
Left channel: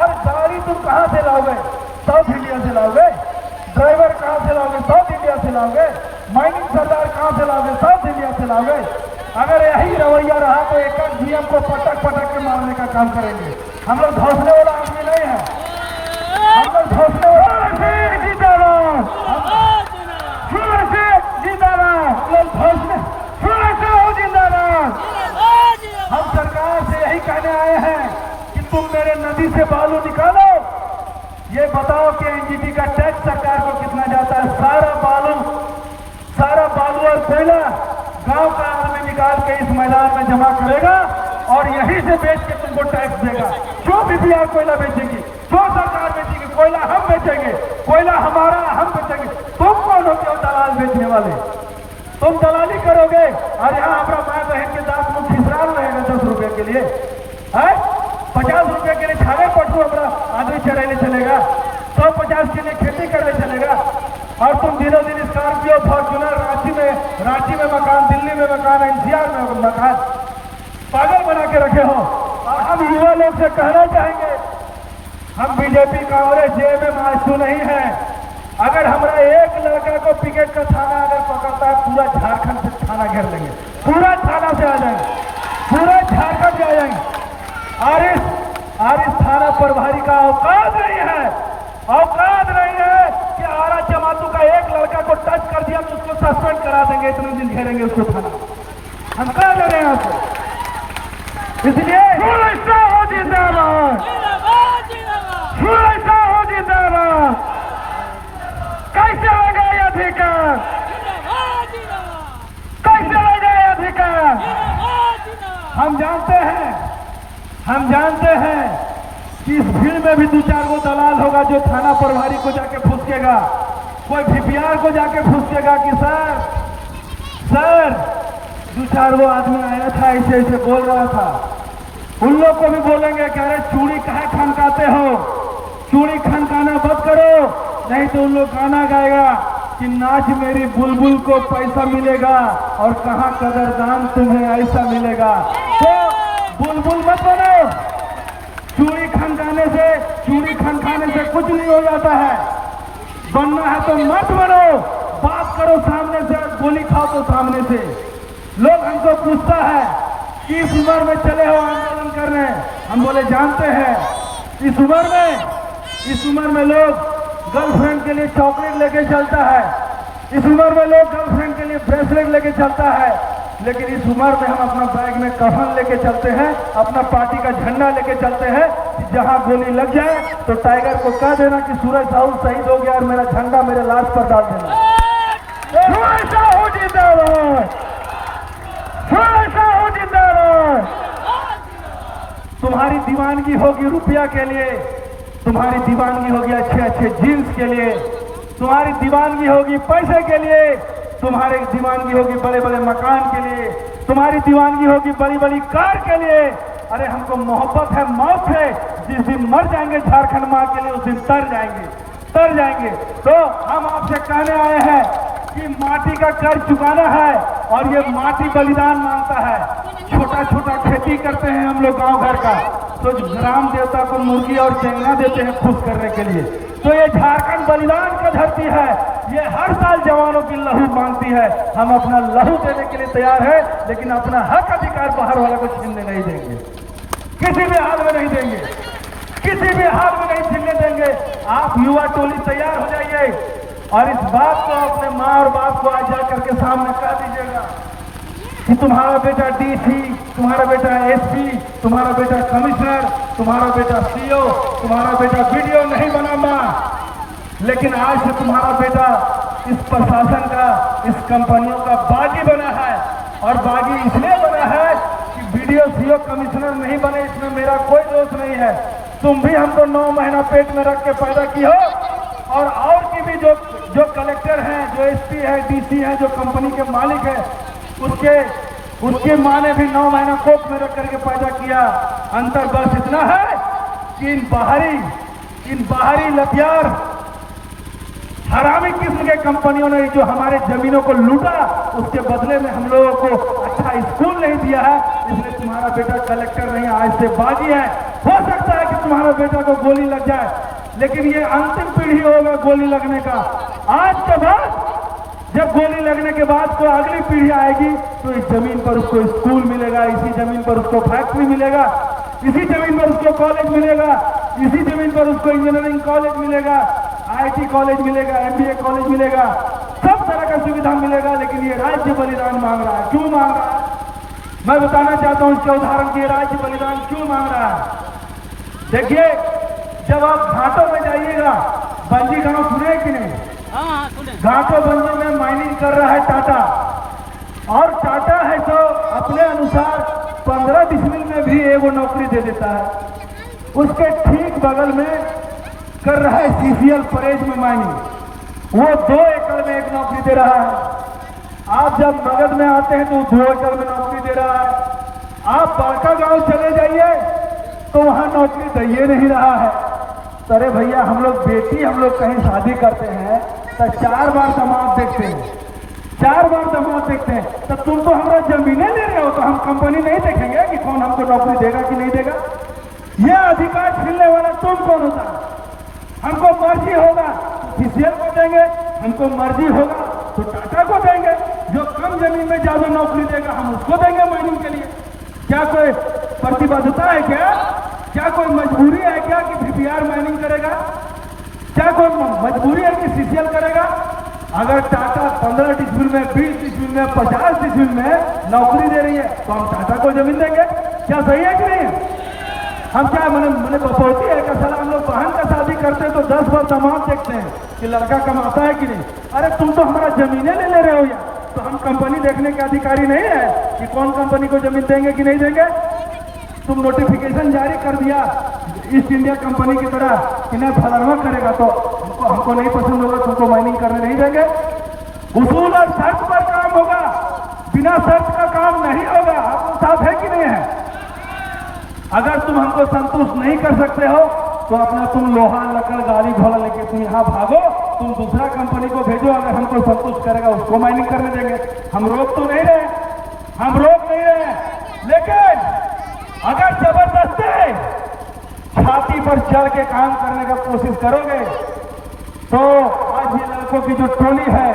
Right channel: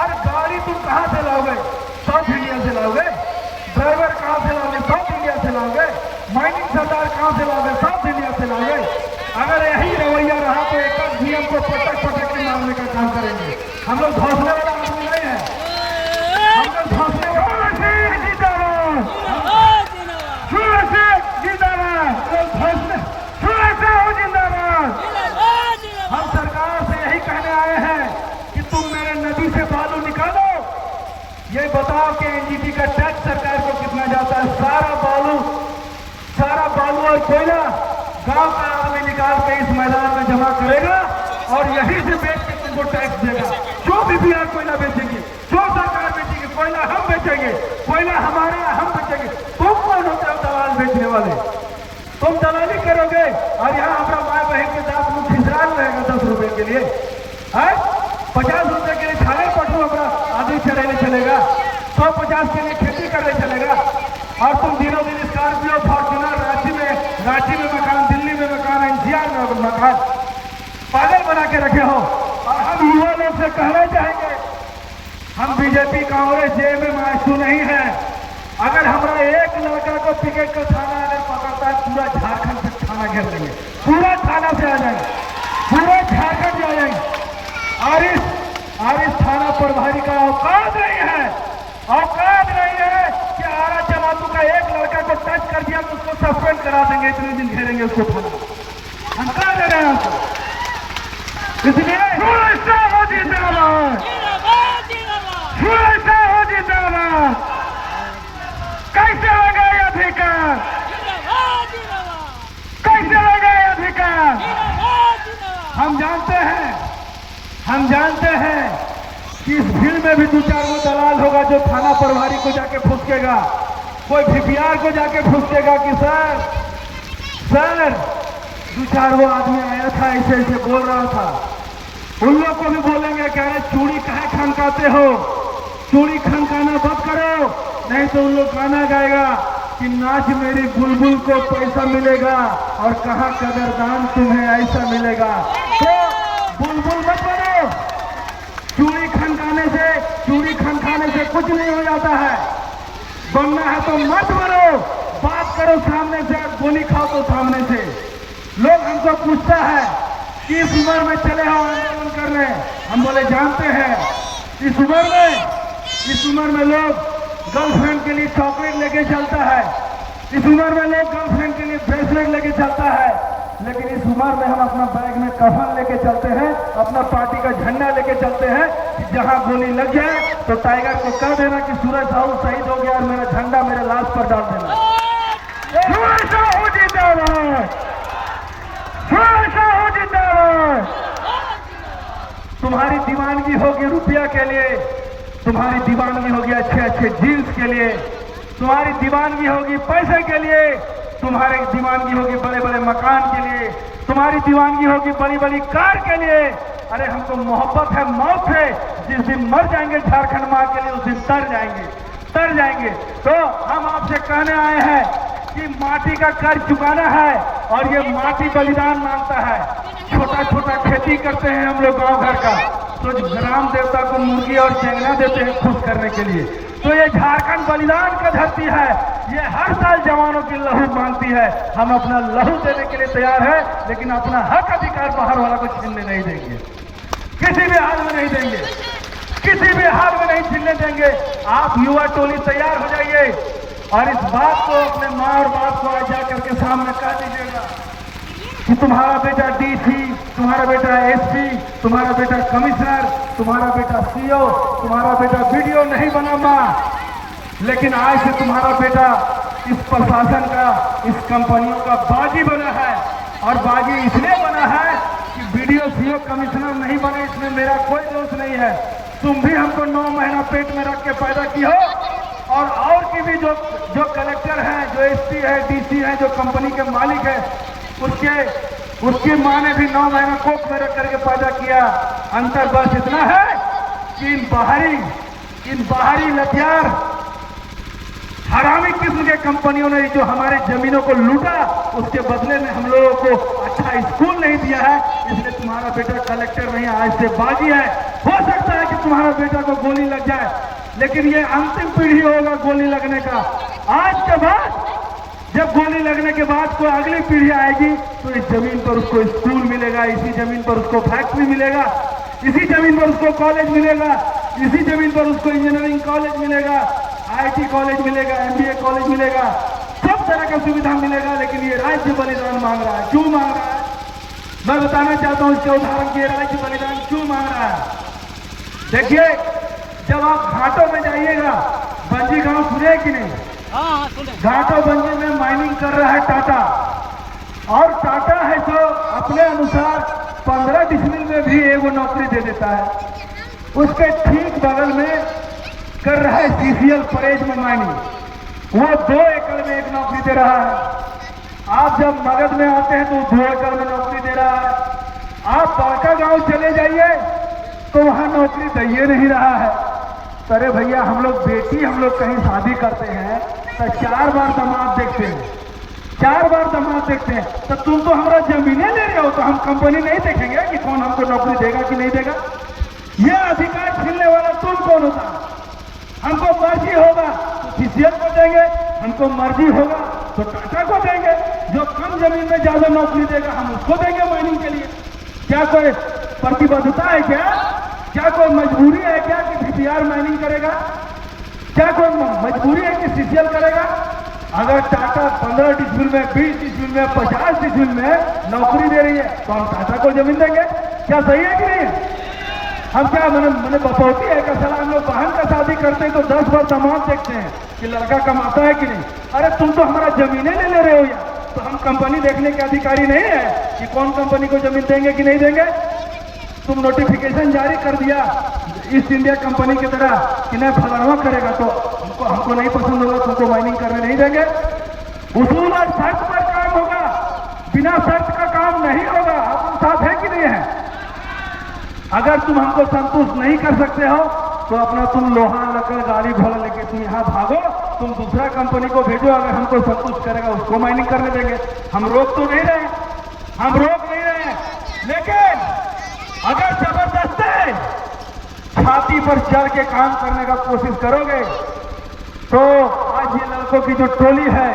और गाड़ी तुम कहां से लाओगे? साउथ इंडिया से लाओगे। ड्राइवर कहां से लाओगे? साउथ इंडिया से लाओगे। माइनिंग सरदार कहां से लाओगे? साउथ इंडिया से लाओगे। अगर यही रवैया रहा तो एक नियम को पटक पटक के मारने का काम करेंगे। हम लोग हौसले वाला आदमी नहीं है, हम लोग हौसले वाला जिंदाबाद, जिंदाबाद। हम सरकार से यही कहने आए हैं कि तुम मेरे नदी से बालू निकालो, ये बताओ कि NGT का टैक्स सरकार को कितना जाता है? सारा बालू और कोयला गांव का आदमी निकाल के इस मैदान में जमा करेगा और यहीं से बेच के तुमको टैक्स देगा। जो भी बिहार कोयला बेचेगी, जो सरकार बेचेगी, कोयला हम बेचेंगे, कोयला हमारा हम बेचेंगे। तुम कौन होते हो दलाल बेचने वाले? तुम दलाली करोगे और यहाँ अपना माँ बहन के दांत मुख खिसराल रहेगा 10 रुपए के लिए, 50 रुपए के लिए छाले पशु अपना आदमी चढ़ाने चलेगा, 150 के लिए खेती करने चलेगा। और तुम दिनों दिन स्कॉर्पियो, फॉर्च्यूनर, रांची में मकान, दिल्ली में मकान, NCR में मकान, पागल बना के रखे हो। और हम युवा लोग से कहना चाहेंगे, हम बीजेपी कांग्रेस JM मासू नहीं है। अगर हमारा एक लड़का को टिकट का थाना अगर पकड़ता है, पूरा झारखंड से थाना घेर लेंगे, पूरा थाना से आ जाएंगे, पूरा झारखंड से आ जाएंगे। और इस थाना प्रभारी का औकात नहीं है, औकात नहीं है कि RR चमातू का एक लड़का को टच कर दिया तो उसको सस्पेंड करा देंगे, इतने दिन घेरेंगे उसको थाना। हम कह दे रहे हैं आपको। इसलिए हो जिंदाबाद, हो जिंदाबाद। कैसे लगा ये अधिकार? कैसे लगा ये अधिकार? हम जानते हैं कि इस भीड़ में भी 2-4 वो दलाल होगा जो थाना प्रभारी को जाके फुसकेगा, कोई VPR को जाके फुसकेगा कि सर 2-4 वो आदमी आया था, ऐसे ऐसे बोल रहा था। उन लोग को भी बोलेंगे कि अरे चूड़ी कहाँ खनकाते हो, चूड़ी खनकाना बंद करो, नहीं तो उन लोग गाना गाएगा कि नाच मेरी बुलबुल को पैसा मिलेगा और कहाँ कदरदान तुम्हें ऐसा मिलेगा। तो बुलबुल मत बनो, चूड़ी खनकाने से कुछ नहीं हो जाता है। बनना है तो मत बनो, बात करो सामने से, गोली खाओ तो सामने से। लोग हमको पूछता है कि इस उम्र में चले हो आंदोलन करने, हम बोले जानते हैं इस उम्र में लोग गर्लफ्रेंड के लिए चॉकलेट लेके चलता है, इस उम्र में लोग गर्लफ्रेंड के लिए ब्रेसलेट लेके चलता है, लेकिन इस उम्र में हम अपना बैग में कफन लेके चलते हैं, अपना पार्टी का झंडा लेके चलते हैं। जहां गोली लग जाए तो टाइगर को कह देना कि सूरज साहू शहीद हो गया और मेरा झंडा मेरे लाश पर डाल देना। सूरज साहू जिंदाबाद, हो जिंदाबाद। तुम्हारी दीवानगी होगी रुपया के लिए, तुम्हारी दीवानगी होगी अच्छे अच्छे जीन्स के लिए, तुम्हारी दीवानगी होगी पैसे के लिए, तुम्हारी दीवानगी होगी बड़े बड़े मकान के लिए, तुम्हारी दीवानगी होगी बड़ी बड़ी कार के लिए। अरे हमको मोहब्बत है, मौत है, जिस दिन मर जाएंगे झारखंड माँ के लिए उस दिन तर जाएंगे। तो हम आपसे कहने आए हैं कि माटी का कर्ज चुकाना है और ये माटी बलिदान मांगता है। छोटा छोटा खेती करते हैं हम लोग गांव घर का, तो ग्राम देवता को मुर्गी और चेंगना देते हैं खुश करने के लिए। तो ये झारखंड बलिदान का धरती है, ये हर साल जवानों की लहू मांगती है। हम अपना लहू देने के लिए तैयार है, लेकिन अपना हक अधिकार बाहर वाला को छीनने नहीं देंगे, किसी भी हाल में नहीं देंगे, किसी भी हाल में नहीं छीनने देंगे। आप युवा टोली तैयार हो जाइए और इस बात को अपने माँ और बाप को आज जाकर के सामने कह दीजिएगा कि तुम्हारा बेटा डीसी, तुम्हारा बेटा एसपी, तुम्हारा बेटा कमिश्नर, तुम्हारा बेटा सीओ, तुम्हारा बेटा वीडियो नहीं बना माँ, लेकिन आज से तुम्हारा बेटा इस प्रशासन का, इस कंपनियों का बागी बना है। और बागी इसलिए बना है कि वीडियो सीओ कमिश्नर नहीं बने, इसमें मेरा कोई दोष नहीं है। तुम भी हमको 9 महीना पेट में रख के पैदा की हो, और की भी जो कलेक्टर हैं, जो एसपी है, डीसी है, जो कंपनी के मालिक है, उसके माँ ने भी 9 महीना कोख में रख करके पैदा किया। अंतर बस इतना है कि इन बाहरी लतियार हरामी किस्म के कंपनियों ने जो हमारे जमीनों को लूटा, उसके बदले में हम लोगों को अच्छा स्कूल नहीं दिया है, इसलिए तुम्हारा बेटा कलेक्टर नहीं, आज से बागी है। हो सकता है कि तुम्हारा बेटा को गोली लग जाए, लेकिन ये अंतिम पीढ़ी होगा गोली लगने का। आज के बाद जब गोली लगने के बाद कोई अगली पीढ़ी आएगी तो इस जमीन पर उसको स्कूल मिलेगा, इसी जमीन पर उसको फैक्ट्री मिलेगा, इसी जमीन पर उसको कॉलेज मिलेगा, इसी जमीन पर उसको इंजीनियरिंग कॉलेज मिलेगा, आईटी कॉलेज मिलेगा, एमबीए कॉलेज मिलेगा, सब तरह का सुविधा मिलेगा। लेकिन ये राज्य बलिदान मांग रहा है। क्यों मांग रहा है? मैं बताना चाहता हूं इसका उदाहरण कि ये राज्य बलिदान क्यों मांग रहा है। देखिए, जब आप घाटों में जाइएगा, बंजी गांव सुने कि नहीं? घाटों बंजी में माइनिंग कर रहा है टाटा, और टाटा है जो अपने अनुसार 15 डिसमिल में भी एगो नौकरी दे देता है। उसके ठीक बगल में कर रहा है सीसीएल परेज में माइनिंग, वो 2 एकड़ में एक नौकरी दे रहा है। आप जब मगध में आते हैं तो 2 एकड़ में नौकरी दे रहा है। आप बांका गांव चले जाइए तो वहां नौकरी दे नहीं रहा है। अरे भैया, हम लोग कहीं शादी करते हैं तो 4 बार दामाद देखते हैं, 4 बार दामाद देखते हैं। तो तुम तो हमारा जमीनें ले रहे हो, तो हम कंपनी नहीं देखेंगे कि कौन हमको नौकरी देगा कि नहीं देगा? यह अधिकार छीनने वाला तुम कौन होता? हमको मर्जी होगा तो सीसीएल को देंगे, हमको मर्जी होगा तो टाटा को देंगे। जो कम जमीन में ज्यादा नौकरी देगा हम उसको देंगे माइनिंग के लिए। क्या कोई प्रतिबद्धता है क्या कोई मजबूरी है क्या कि डीपीआर माइनिंग करेगा? क्या कोई मजबूरी है कि सीसीएल करेगा? अगर टाटा 15 डिसमिल में, 20 डिसमिल में, 50 डिसमिल में नौकरी दे रही है तो हम टाटा को जमीन देंगे। क्या सही है कि नहीं? हम क्या मैंने बपौती है कि सलाह हम लोग बहन का शादी करते हैं तो 10 बार दामाद देखते हैं कि लड़का कमाता है कि नहीं। अरे तुम तो हमारा जमीनें ले रहे हो यार, तो हम कंपनी देखने के अधिकारी नहीं है कि कौन कंपनी को जमीन देंगे कि नहीं देंगे। तुम नोटिफिकेशन जारी कर दिया ईस्ट इंडिया कंपनी की तरह कि नहीं फलाना करेगा तो हमको नहीं पसंद होगा, तुमको माइनिंग करने नहीं देंगे। उसूल और शर्त पर काम होगा, बिना शर्त का काम नहीं होगा। आपको साथ है कि नहीं है? अगर तुम हमको संतुष्ट नहीं कर सकते हो तो अपना तुम लोहा लकड़ गाड़ी घोड़ा लेके तुम यहाँ भागो, तुम दूसरा कंपनी को भेजो, अगर हमको संतुष्ट करेगा उसको माइनिंग करने देंगे। हम रोक तो नहीं रहे, हम रोक नहीं रहे, लेकिन अगर जबरदस्ती छाती पर चढ़ के काम करने का कोशिश करोगे तो आज ये लड़कों की जो टोली है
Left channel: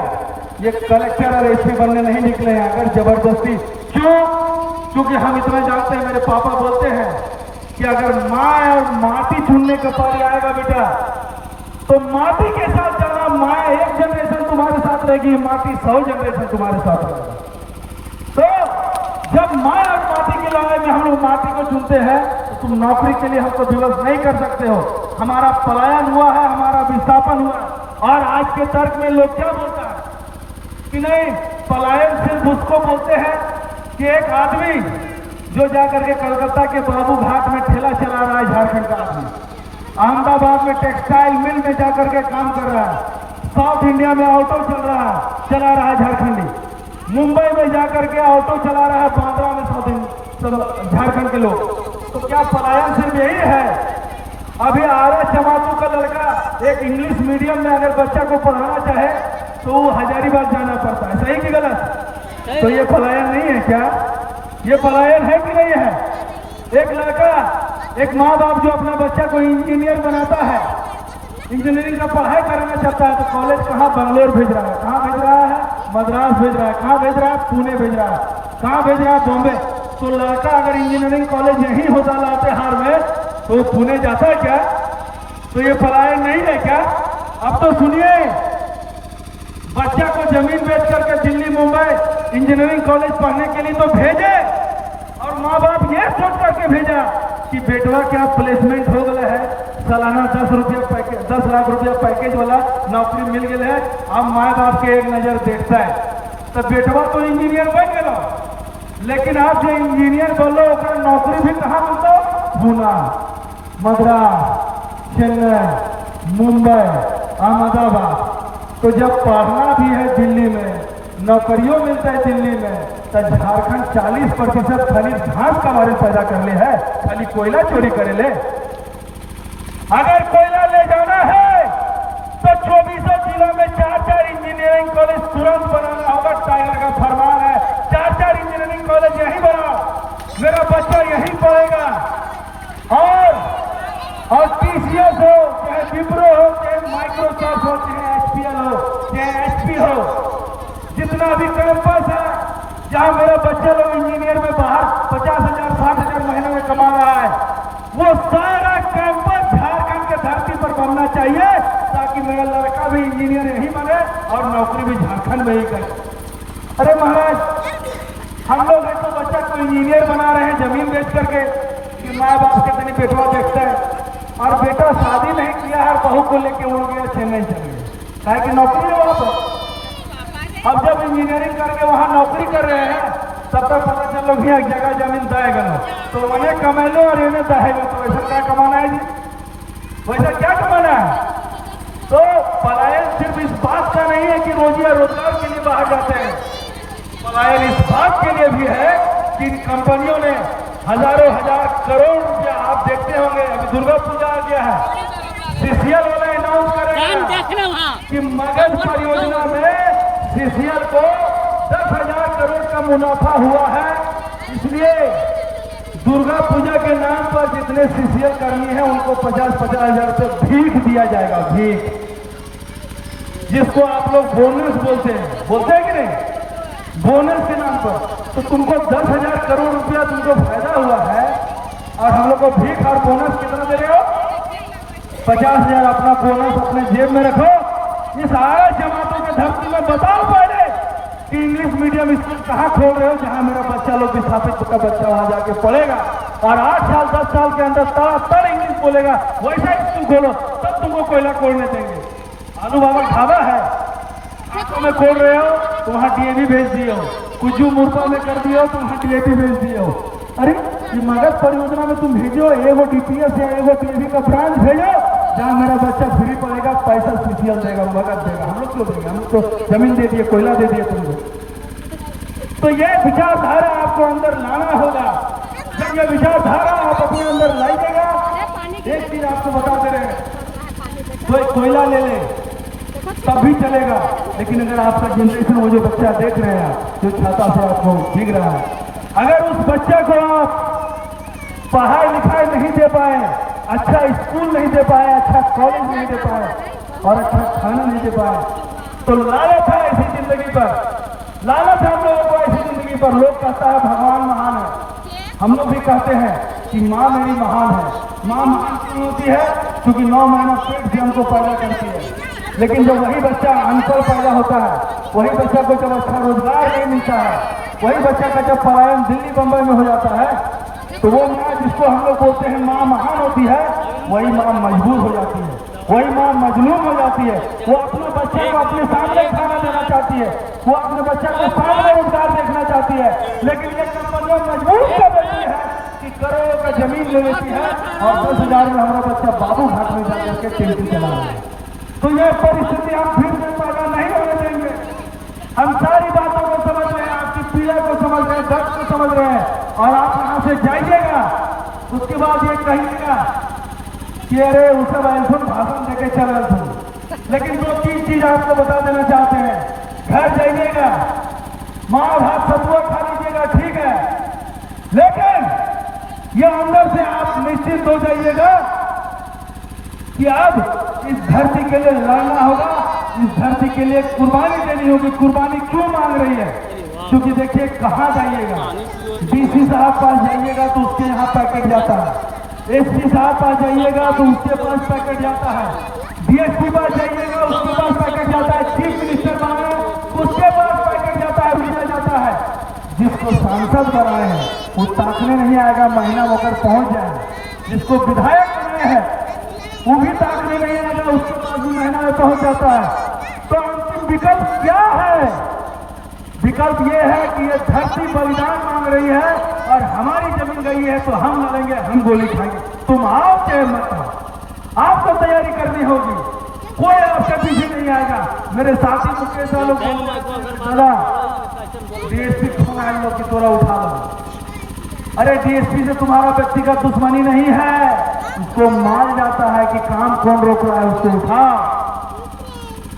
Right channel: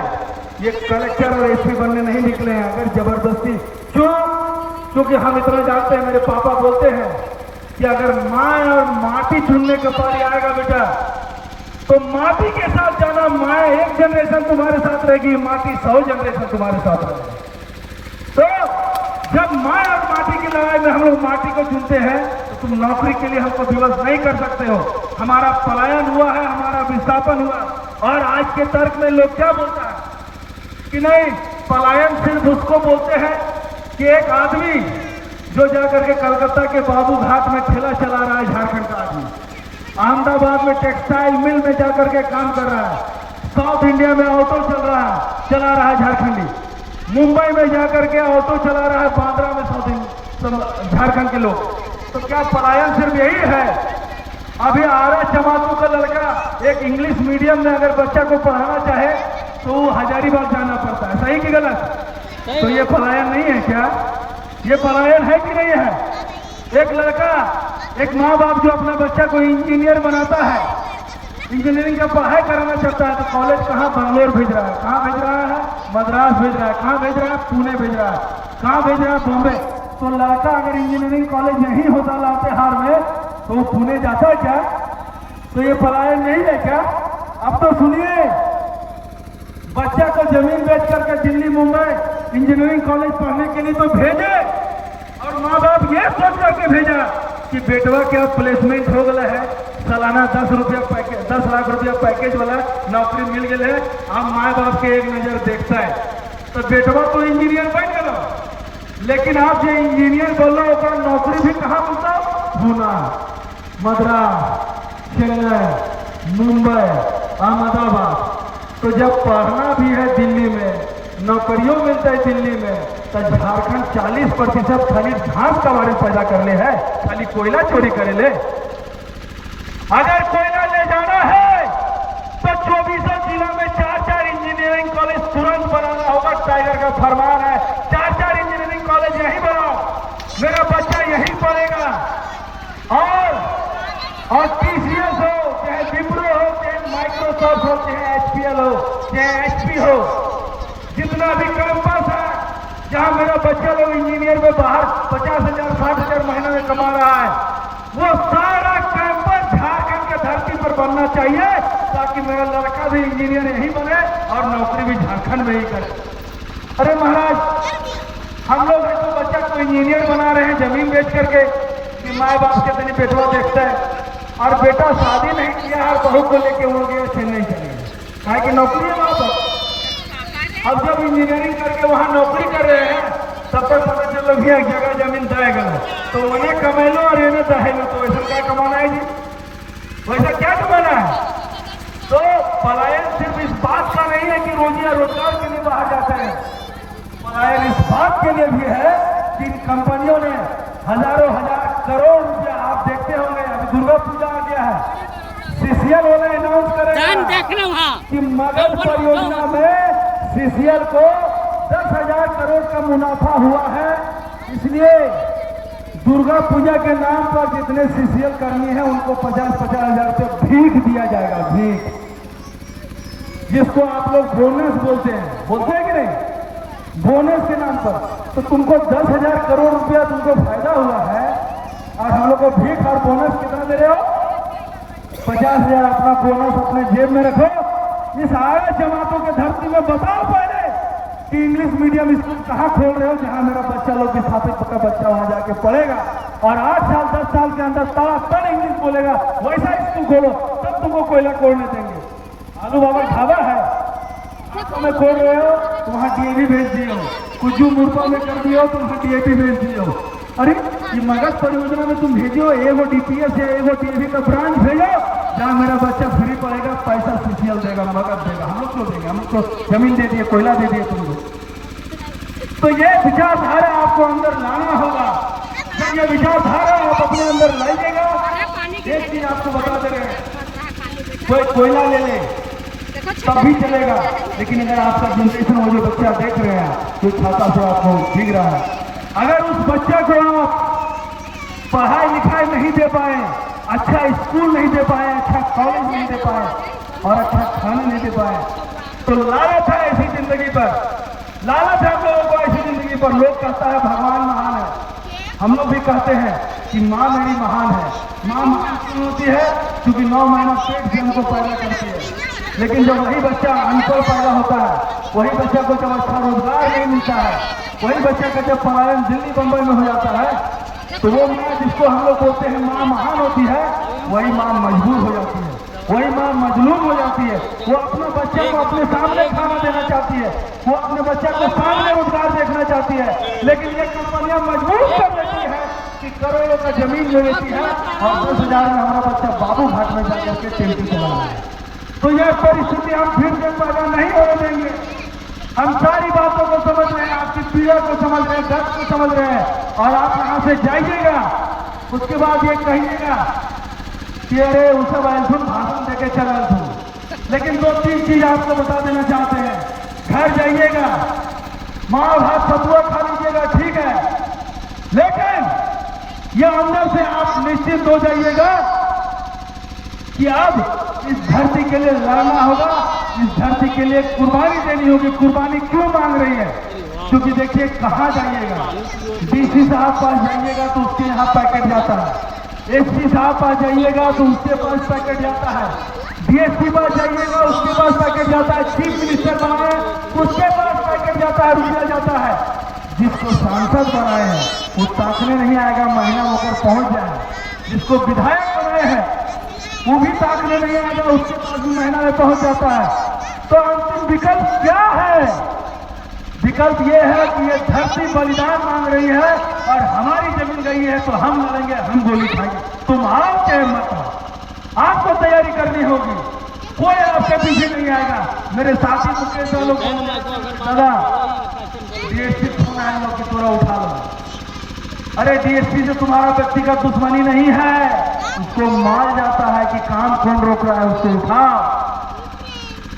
ये कलेक्टर और एसपी बनने नहीं निकले हैं। अगर जबरदस्ती, क्योंकि हम इतना जानते हैं, मेरे पापा बोलते हैं कि अगर माँ और माटी चुनने का पारी आएगा बेटा तो माटी के साथ जाना। माँ 1 जनरेशन तुम्हारे साथ रहेगी, माटी 100 जनरेशन तुम्हारे साथ रहेगी। तो जब माँ और माटी की लड़ाई में हम लोग माटी को चुनते हैं तो तुम नौकरी के लिए हमको विवश नहीं कर सकते हो। हमारा पलायन हुआ है, हमारा विस्थापन हुआ। और आज के तर्क में लोग क्या बोलता है कि नहीं, पलायन सिर्फ उसको बोलते हैं कि एक आदमी जो जाकर के कलकत्ता के बाबू घाट में ठेला चला रहा है, झारखंड का आदमी, अहमदाबाद में टेक्सटाइल मिल में जाकर के काम कर रहा है, साउथ इंडिया में ऑटो चला रहा है झारखंडी, मुंबई में जाकर के ऑटो चला रहा है, बांद्रा में झारखंड के लोग। तो क्या पलायन सिर्फ यही है? अभी आरा जमातों का लड़का एक इंग्लिश मीडियम में अगर बच्चा को पढ़ाना चाहे तो वो हजारीबाग जाना पड़ता है, सही कि गलत? तो ये पलायन नहीं है क्या? ये पलायन है कि नहीं है? एक लड़का, एक माँ बाप जो अपना बच्चा को इंजीनियर बनाता है, इंजीनियरिंग का पढ़ाई कराना चाहता है, तो कॉलेज कहाँ? बंगलोर भेज रहा है। कहाँ भेज रहा है? मद्रास भेज रहा है। कहाँ भेज रहा है? पुणे भेज रहा है। कहाँ भेज रहा है? बॉम्बे। तो लड़का अगर इंजीनियरिंग कॉलेज नहीं होता लातेहार में तो वो पुणे जाता है क्या? तो ये पलायन नहीं है क्या? अब तो सुनिए, बच्चा को जमीन बेच करके दिल्ली मुंबई इंजीनियरिंग कॉलेज पढ़ने के लिए तो भेजे, और माँ बाप ये सोच करके भेजा कि बेटवा क्या प्लेसमेंट हो गया है, सालाना 10 लाख रुपया पैकेज वाला नौकरी मिल गई है। अब माँ बाप के एक नजर देखता है तो बेटवा तो इंजीनियर बन गया, लेकिन आप जो इंजीनियर बोलो ओकरा नौकरी भी कहाँ मिलता? पूना, मद्रास, चेन्नई, मुंबई, अहमदाबाद। तो जब पढ़ना भी है दिल्ली में, नौकरियों मिलता है दिल्ली में, तो झारखंड 40% खाली घास का बारे पैदा कर ले है, खाली कोयला चोरी करे ले। अगर कोयला ले जाना है तो 24 जिलों में 4 इंजीनियरिंग कॉलेज तुरंत बनाना होगा। टाइगर का फरमान है, 4 इंजीनियरिंग कॉलेज यहीं बनाओ, मेरा बच्चा यहीं पढ़ेगा। और टीसीएस हो, चाहे विप्रो हो, चाहे माइक्रोसॉफ्ट हो, चाहे एचपीएल हो, चाहे एचपी हो, जितना भी कैंपस है जहां मेरा बच्चा लोग इंजीनियर में बाहर 50,000 60,000 महीने में कमा रहा है, वो सारा कैंपस झारखंड के धरती पर बनना चाहिए, ताकि मेरा लड़का भी इंजीनियर यही बने और नौकरी भी झारखंड में ही करे। अरे महाराज, हम लोग तो बच्चा को इंजीनियर बना रहे हैं जमीन बेच करके कि माँ बाप के तनी बेटवा देखता है, और बेटा शादी नहीं किया है, बहू को लेके वो गया चेन्नई चले गए, कहा कि नौकरी हो वहां पर। अब जब इंजीनियरिंग करके वहां नौकरी कर रहे हैं तब तक पता चलो भी एक जगह जमीन दहेगा, तो उन्हें कमेलो और इन्हें दहेगा, तो वैसा क्या कमाना है जी? वैसा क्या कमाना है? तो पलायन सिर्फ इस बात का नहीं है कि रोजगार के लिए बाहर जाते हैं, पलायन इस बात के लिए भी है कि कंपनियों ने हजारों हजार करोड़ रुपया, आप देखते होंगे अभी दुर्गा पूजा आ गया है, सीसीएल वाले अनाउंस करेगा कि मगध परियोजना में सीसीएल को 10,000 करोड़ का मुनाफा हुआ है। इसलिए दुर्गा पूजा के नाम पर जितने सीसीएल कर्मी हैं उनको 50,000 रुपये भीख दिया जाएगा, भीख, जिसको आप लोग बोनस बोलते हैं कि नहीं? बोनस के नाम पर। तो तुमको 10,000 करोड़ रुपया तुमको फायदा हुआ है, और हम लोग को भीख और बोनस कितना दे रहे हो? 50,000 अपना बोनस अपने जेब में रखो। इस आरा जमातों के धरती में बताओ पहले कि इंग्लिश मीडियम स्कूल कहाँ खोल रहे हो जहां मेरा बच्चा लोग विस्थापित का बच्चा वहां जाके पढ़ेगा, और 8 साल 10 साल के अंदर तड़ातड़ इंग्लिश बोलेगा, वैसा स्कूल खोलो, तब तुमको कोयला खोलने देंगे। आलू बाबा ढाबा है, हाथों में खोल रहे हो तो वहां डीएपी भेज दिए हो, कुजू मुर्गा में कर दिए हो तो वहां डीएपी भेज दिए हो। अरे ये मगध परियोजना में तुम भेजो एगो डीपीएस या एगो डीएपी का ब्रांच भेजो, जहाँ मेरा बच्चा फ्री पढ़ेगा, पैसा सीसीएल देगा, मगध देगा, हम लोग को देंगे, हम लोग को जमीन दे दिए, कोयला दे दिए तुमको। तो ये विचारधारा आपको अंदर लाना होगा। जब ये विचारधारा आप अपने अंदर लाइएगा, एक चीज आपको बता दे रहे हैं, कोई कोयला ले ले तब भी चलेगा, लेकिन अगर आपका जनरेशन वो जो बच्चा देख रहे हैं जो छाता से आपको दिख रहा है, अगर उस बच्चा को आप पढ़ाई लिखाई नहीं दे पाए, अच्छा स्कूल नहीं दे पाए, अच्छा कॉलेज नहीं दे पाए, और अच्छा खाना नहीं दे पाए, तो लालच है ऐसी जिंदगी पर, लालच है हम लोगों को ऐसी जिंदगी पर। लोग कहता है भगवान महान है, हम लोग भी कहते हैं कि माँ मेरी महान है। माँ महान क्यों होती है? क्योंकि 9 महीना पेट से हमको पैदा करती है। लेकिन जब वही बच्चा अनपढ़ पैदा होता है, वही बच्चा को जब अच्छा रोजगार नहीं मिलता है, वही बच्चा का जब पलायन दिल्ली बम्बई में हो जाता है, तो वो माँ जिसको हम लोग बोलते हैं माँ महान होती है, वही माँ मजबूर हो जाती है। वही माँ मजलूम हो जाती है। वो अपने बच्चे को अपने सामने खाना देना चाहती है, वो अपने बच्चे को सामने रोजगार देखना चाहती है, लेकिन ये कंपनियां मजबूर कर देती है कि करोड़ों का जमीन ले लेती है और 10,000 में हमारा बच्चा बाबू घाट में जाकर के टेंटी चला रहा है। तो यह परिस्थिति हम फिर से पैदा नहीं होने देंगे। हम सारी बातों को समझ रहे हैं, आपकी पीड़ा को समझ रहे हैं, दर्द को समझ रहे हैं, और आप यहाँ से जाइएगा, उसके बाद ये कहिएगा कि अरे उसे वालसुन भाषण देके चला था। लेकिन 2-3 चीज आपको बता देना चाहते हैं। घर जाइएगा, माँ भात सतुआ खा लीजिएगा, ठीक है, लेकिन ये अंदर से आप निश्चित हो जाइएगा कि अब इस धरती के लिए लड़ना होगा, इस धरती के लिए कुर्बानी देनी होगी। कुर्बानी क्यों मांग रही है? क्योंकि देखिए कहाँ जाइएगा, डीसी साहब पास जाइएगा तो उसके यहाँ पैकेट जाता है, एसपी साहब पास जाइएगा तो उसके पास पैकेट जाता है, डीएसपी पास जाइएगा उसके पास पैकेट जाता है, चीफ मिनिस्टर बनाए उसके पास पैकेट जाता है, रुपया जाता है। जिसको सांसद बनाए हैं वो ताकने नहीं आएगा, महीना होकर पहुंच जाए। जिसको विधायक बनाए हैं वो भी ताकने नहीं आएगा, उसके पास भी महीना में पहुंच जाता है। तो अंतिम विकल्प क्या है? विकल्प ये है कि ये धरती बलिदान मांग रही है और हमारी जमीन गई है तो हम लड़ेंगे, हम गोली खाएंगे। तुम आओ चाहे मत आओ, आपको तैयारी करनी होगी, कोई आपके पीछे नहीं आएगा। मेरे साथी मुकेश वालों को डीएसपी फोन आए लोग कि थोड़ा उठा लो। अरे डीएसपी से तुम्हारा व्यक्तिगत दुश्मनी नहीं है, उसको मार जाता है कि काम कौन रोक रहा है, उसको उठा।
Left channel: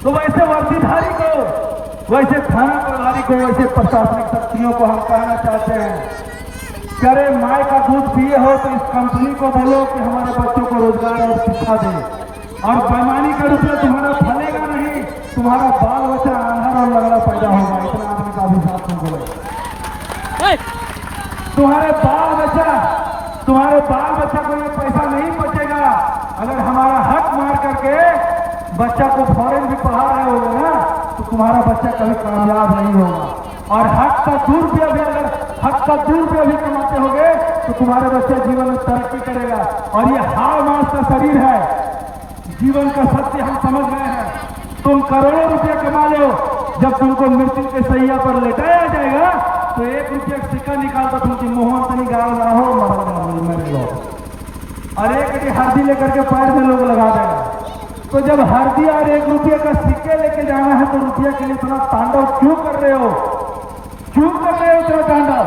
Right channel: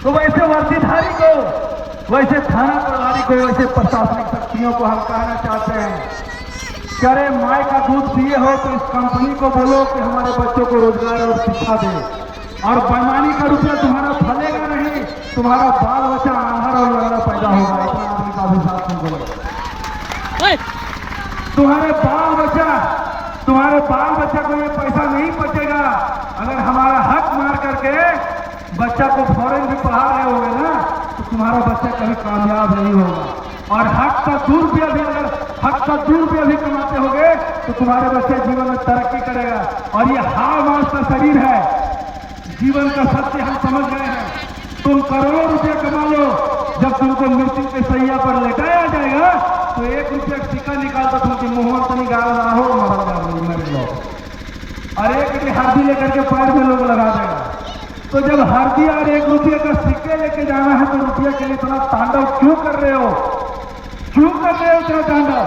तो वैसे वर्दीधारी को, वैसे थाना प्रभारी को, वैसे प्रशासनिक शक्तियों को हम कहना चाहते हैं, करे माय का दूध पिए हो तो इस कंपनी को बोलो कि हमारे बच्चों को रोजगार और शिक्षा दे, और बेईमानी के रूप में तुम्हारा फलेगा नहीं, तुम्हारा बाल बच्चा आंधर और लंगड़ा पैदा होगा। इतना आदमी का भी साथ तुम बोलो, तुम्हारे बाल बच्चा को ये पैसा नहीं बचेगा। अगर हमारा हक मार करके बच्चा को फौरन भी पढ़ा रहे होगे ना तो तुम्हारा बच्चा कभी कामयाब नहीं होगा। और हक का ₹2 भी, अगर हक का ₹2 भी कमाते होगे तो तुम्हारे बच्चे जीवन में तरक्की करेगा। और ये हाव मास का शरीर है, जीवन का सत्य हम समझ गए हैं। तुम करोड़ों रुपये कमा लो, जब तुमको मृत्यु के सैया पर लटाया जाएगा तो ₹1 का सिक्का निकाल कर तुमकी मोहन तो निकाल रहा हो, मेरे लोग, और एक हल्दी लेकर के पैर में लोग लगा देगा। तो जब हल्दी और ₹1 का सिक्के लेके जाना है तो रुपये के लिए इतना तांडव क्यों कर रहे हो? क्यों कर रहे हो इतना तांडव?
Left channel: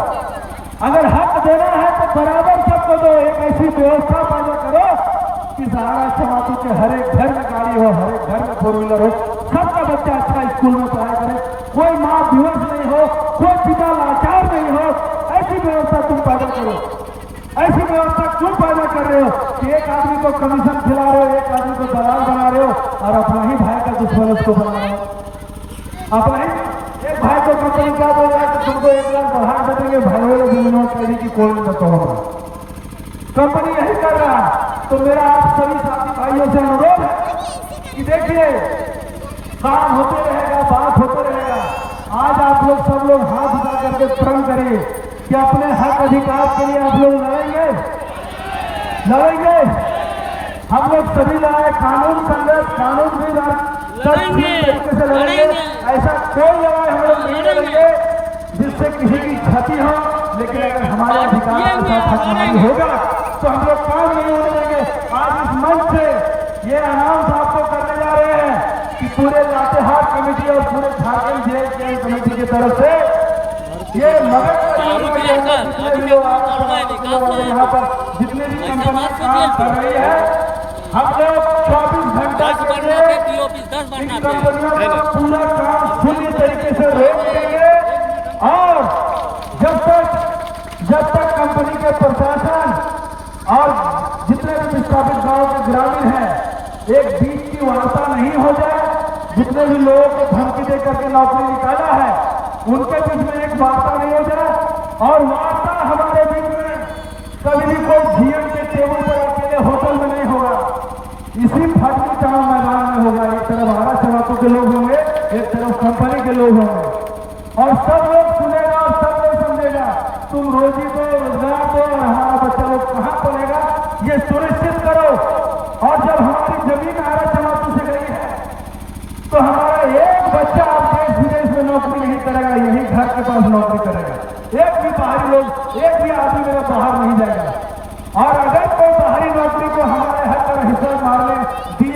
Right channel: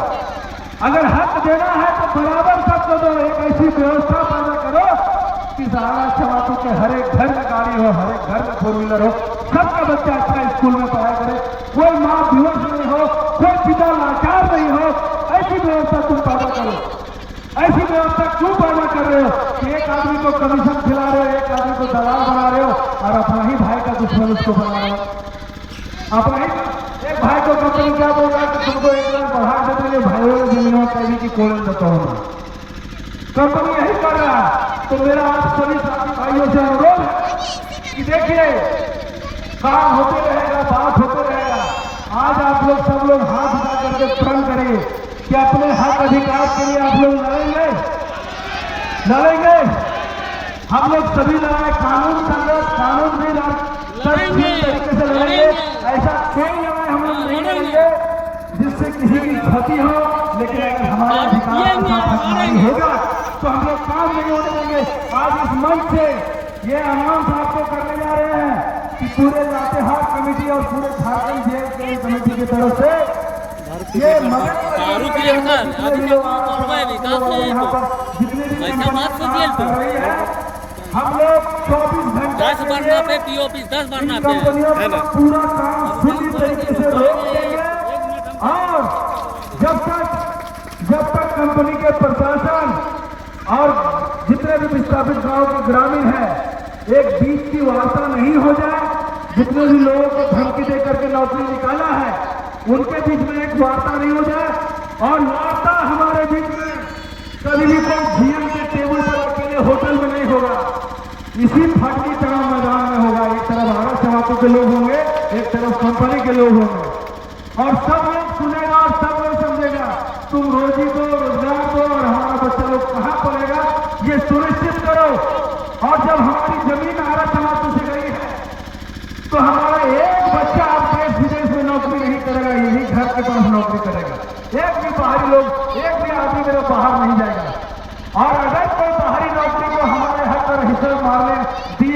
अगर हक देना है तो बराबर सबको दो। एक ऐसी व्यवस्था पैदा करो कि सहारा चमातों के हर एक घर में गाड़ी हो, हर एक घर में 4 व्हीलर हो, सबका बच्चा अच्छा स्कूल में पढ़ाया करे, कोई माँ बेहोश नहीं हो, कोई पिता लाचार नहीं हो। ऐसी व्यवस्था तुम पैदा करो। ऐसी व्यवस्था क्यों पैदा कर रहे हो कि एक आदमी को कमीशन खिला रहे हो, एक आदमी को दलाल बना रहे हो और अपना ही भाई का दुश्मन उसको बना रहे हो। अपना ही एक भाई को कंपनी क्या बोल रहा है कि तुमको 1 लाख बढ़ा दे देंगे, भाइयों जमीनों के लिए की कोई नहीं होगा, कंपनी यही कर रहा है। तो मेरा आप सभी साथी भाइयों से अनुरोध है कि देखिए काम होते रहेगा, बात होते रहेगा। आज आप लोग सब लोग हाथ उठा करके प्रण करेंगे कि अपने हक अधिकार के लिए आप लोग लड़ेंगे। हम लोग सभी लड़ाए, कानून संघर्ष, कानून भी तरीके से लड़ेंगे। ऐसा कोई लड़ाई हम लोग नहीं लड़ेंगे जिससे किसी की क्षति हो, लेकिन अगर हमारे अधिकार के साथ हकमारी होगा तो हम लोग काम नहीं होने देंगे। आज इस मंच से ये अनाउंस आपको करने जा रहे हैं कि पूरे लातेहार कमेटी और पूरे झारखंड जेल कमेटी की तरफ से ये मदद जितने भी लोग यहाँ पर जितने भी कंपनियां काम कर रही है, हम लोग 24 घंटे इन कंपनियों का पूरा काम पूरी तरीके से रोक देंगे। और जब तक कंपनी के प्रशासन और जितने भी विस्थापित गांव के ग्रामीण हैं एक बीच की वार्ता नहीं हो जाए, जितने भी लोगों को धमकी दे करके नौकरी निकाला है उनके बीच में एक वार्ता नहीं हो जाए, और वार्ता हमारे बीच में कभी भी कोई जीएम के टेबल पर अकेले होटल में नहीं होगा, इसी फटली टाउन मैदान में होगा। एक तरफ हमारा समाजों के लोग होंगे, एक तरफ कंपनी के लोग होंगे, और सब लोग सुनेगा और सब लोग समझेगा। तुम रोजी को, रोजगार को और हमारा बच्चा लोग कहाँ पड़ेगा ये सुनिश्चित करो। और जब हमारी जमीन आरक्षण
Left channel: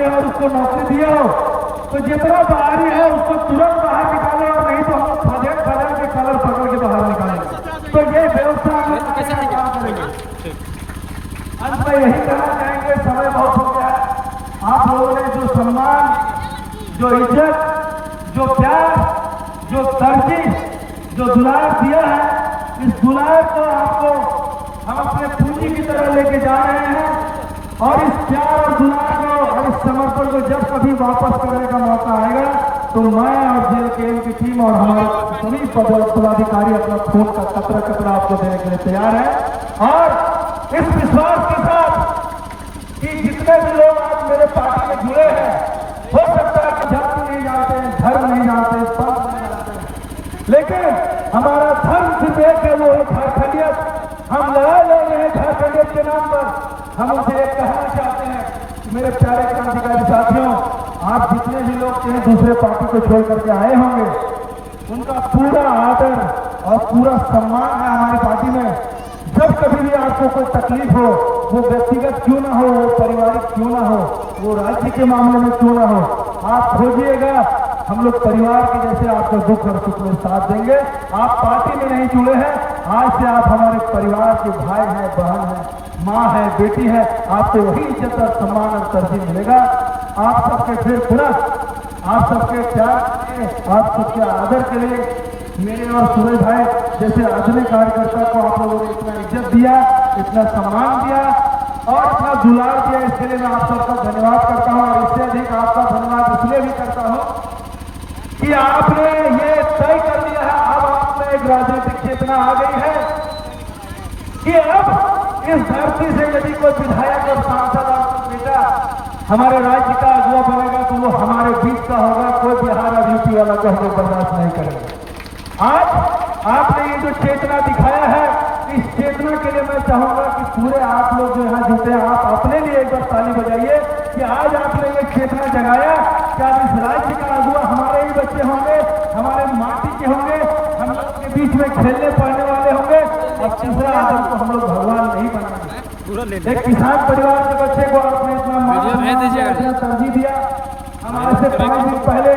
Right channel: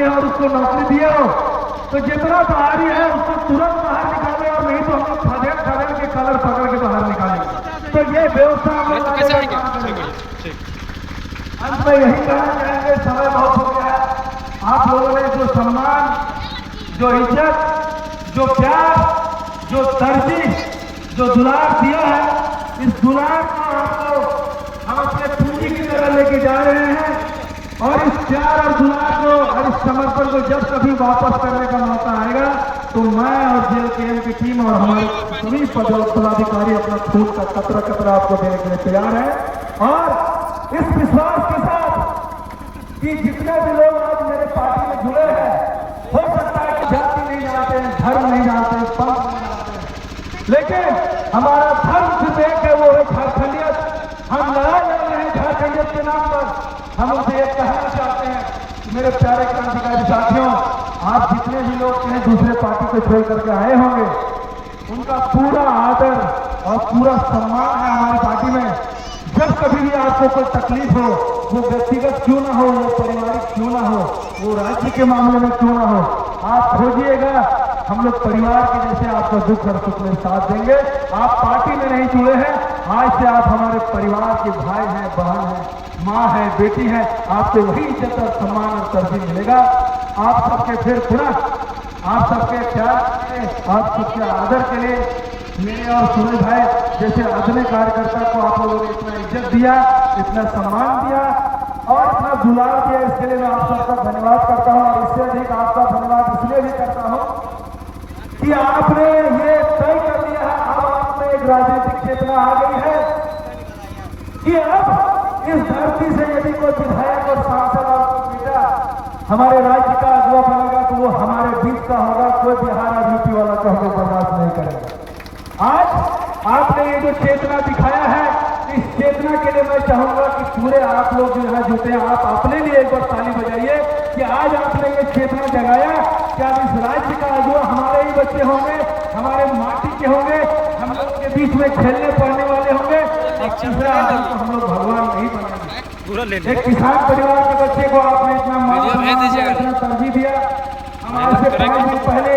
है और उसको नौकरी दिए हो तो जितना बाहरी है उसको तुरंत बाहर निकाले, और नहीं तो हम खदेड़ खदेड़ के कलर पकड़ के बाहर निकाले। तो ये व्यवस्था अंत में यही कहना चाहेंगे, समय बहुत हो गया है। आप लोगों ने जो सम्मान, जो इज्जत, जो प्यार, जो तरजीह, जो दुलार दिया है, इस दुलार को आपको हम अपने पूंजी की तरह लेके जा रहे हैं। और इस प्यार और दुलार को और इस समर्पण को जब कभी वापस करने का मौका आएगा तो मैं और जेएलकेएम की टीम और हमारे सभी पदाधिकारी अपना खून का कतरा कतरा आपको देने के लिए तैयार है। और इस विश्वास के साथ कि जितने भी लोग आज मेरे पार्टी में जुड़े हैं, हो सकता है कि जाति नहीं जानते हैं, धर्म नहीं जानते हैं, पंथ नहीं जानते हैं, लेकिन हमारा धर्म सिर्फ एक है, वो है झारखंडियत। हम लड़ाई लड़ रहे हैं झारखंडियत के नाम पर। हम उनसे एक कहना चाहते हैं, मेरे प्यारे क्रांतिकारी साथियों, आप जितने भी लोग कहीं दूसरे पार्टी को छोड़ करके आए होंगे, उनका पूरा आदर और पूरा सम्मान है हमारी पार्टी में। जब कभी भी आपको कोई तकलीफ हो, वो व्यक्तिगत क्यों ना हो, वो पारिवारिक क्यों ना हो, वो राज्य के मामले में क्यों ना हो, आप खोजिएगा, हम लोग परिवार के जैसे आपको दुख और सुख में साथ देंगे। आप पार्टी में नहीं जुड़े हैं, आज से आप हमारे परिवार के भाई हैं, बहन हैं, माँ है, बेटी है, आपको वही इज्जत और सम्मान और तरजीह मिलेगा। आप सबके फिर पुनः आप सबके प्यार के, आप सबके आदर के लिए मेरे और सूरज भाई जैसे आधुनिक कार्यकर्ता को आप लोगों ने इतना इज्जत दिया, इतना सम्मान दिया और इतना दुलार दिया, इसके लिए मैं आप सबका धन्यवाद करता हूँ। और इससे अधिक आपका धन्यवाद इसलिए भी करता हूँ कि आपने ये तय कर दिया है, अब आप में एक राजनीतिक चेतना आ गई है कि अब इस धरती से यदि कोई विधायक और सांसद और नेता हमारे राज्य का अगुवा बनेगा तो वो हमारे बीच का होगा, कोई बिहार और यूपी वाला को हमें बर्दाश्त नहीं करेगा। आज आपने ये जो चेतना दिखाया है, इस चेतना के लिए मैं चाहूंगा कि पूरे आप लोग जो यहाँ जुटे हैं, आप अपने लिए एक बार ताली बजाइए कि आज आपने ये चेतना जगाया कि आज इस राज्य का अगुवा हमारे ही बच्चे होंगे, हमारे माटी के होंगे, हम लोग के बीच में खेलने पड़ने वाले होंगे। और तीसरा आदम को हम लोग भगवान नहीं बनेंगे। एक किसान परिवार के बच्चे को आपने इतना तरजीह दिया। हम आज से 5 दिन पहले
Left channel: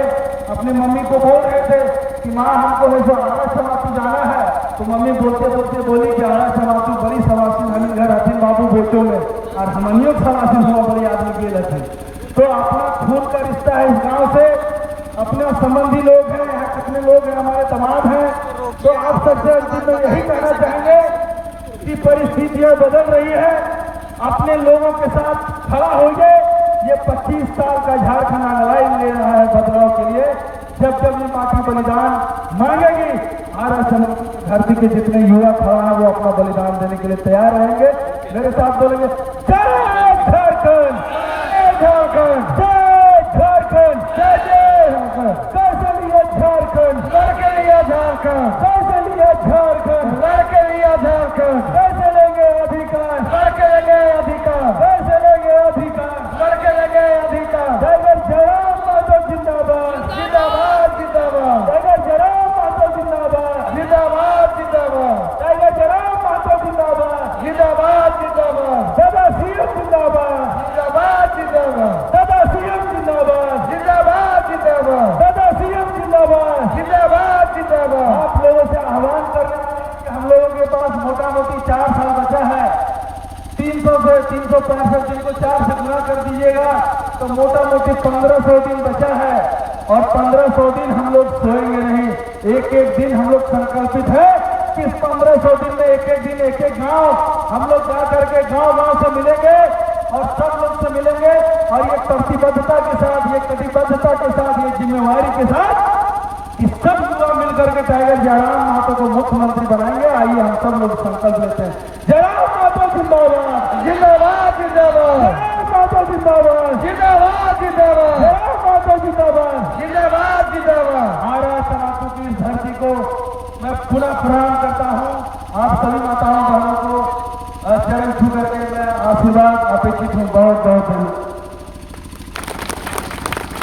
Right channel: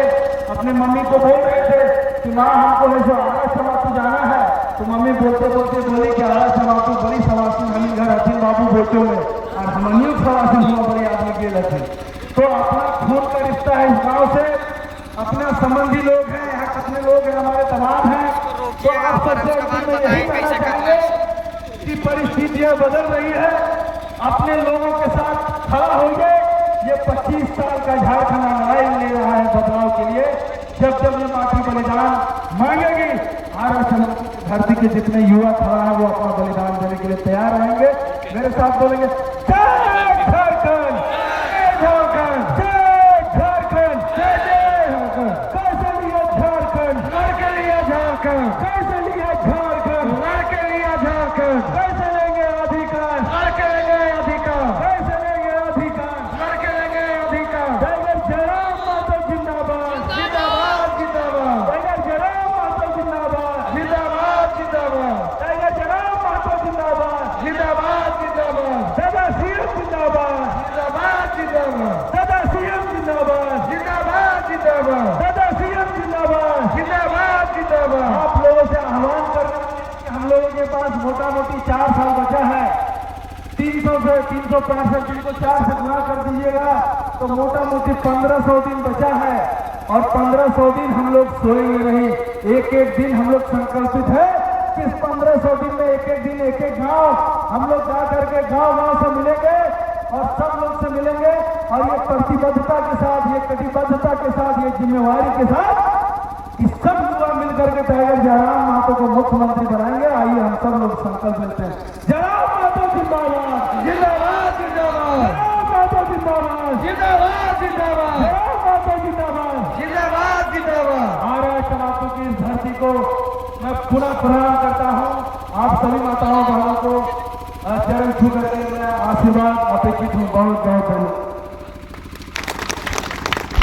अपनी मम्मी को बोल रहे थे कि माँ हमको जो आरा समाप्ति जाना है, तो मम्मी बोलते बोलते बोली कि आरा समाप्ति बड़ी समाप्ति हम घर अतीन बाबू बोलते हुए और हमनियों समाप्ति हुआ बड़ी आदमी के लगे। तो अपना खून का रिश्ता है इस गाँव से, अपना संबंधी लोग हैं, यहाँ कितने लोग हैं, हमारे तमाम हैं। तो आप सबसे यही कहना चाहेंगे कि परिस्थितियां बदल रही है, अपने लोगों के साथ खड़ा होइए। ये 25 साल का झारखंड लड़ाई ले रहा है बदलाव के लिए। जब जब ये माटी बलिदान मांगेगी, आरएसएस धरती के जितने युवा खड़ा है वो अपना बलिदान देने के लिए तैयार रहेंगे। मेरे साथ बोलेंगे जय झारखंड, जय झारखंड, जय झारखंड, जय जय कैसे लिया झारखंड, लड़के लिया झारखंड, कैसे लिया झारखंड, लड़के लिया झारखंड, कैसे लेंगे अधिकार, लड़के लेंगे अधिकार, कैसे लेंगे अधिकार, लड़के लेंगे अधिकार। टाइगर जयराम माता जिंदाबाद, जिंदाबाद जिंदाबाद, टाइगर जयराम माता जिंदाबाद, जिंदाबाद जिंदाबाद, टाइगर जयराम माता जिंदाबाद, जिंदाबाद जिंदाबाद, दादा सीएम जिंदाबाद, जिंदाबाद जिंदाबाद, दादा सीएम जिंदाबाद, जिंदाबाद जिंदाबाद, दादा सीएम जिंदाबाद, जिंदाबाद जिंदाबाद। आप लोगों से आह्वान कर रहे हैं कि हम लोगों के पास मोटा मोटी 4 साल बचा है। 300 से 365 दिन को 4 से गुना कर दीजिएगा तो मोटा मोटी 1500 दिन बचा है। और 1500 दिन हम लोग सोएंगे नहीं, एक एक दिन हम लोग संकल्पित है कि इस 1500 दिन में एक एक दिन एक एक गांव हम लोग जा करके गांव से मिलेंगे और सब लोग से मिलेंगे। और ये प्रतिबद्धता के साथ, ये कटिबद्धता के साथ, ये जिम्मेवारी के साथ कि सब युवा मिलकर के टाइगर जयराम महतो को मुख्यमंत्री बनाएंगे। आइए हम सब लोग संकल्प लेते हैं। जयराम महतो जिंदाबाद, जिंदाबाद जिंदाबाद, जयराम महतो जिंदाबाद, जिंदाबाद जिंदाबाद, जयराम महतो जिंदाबाद, जिंदाबाद जिंदाबाद। आरा समाप्ति की इस धरती को मैं पुनः प्रणाम करता हूँ। आप सभी माताओं बहनों को चरण छू करके मैं आशीर्वाद अपेक्षित हूँ। बहुत बहुत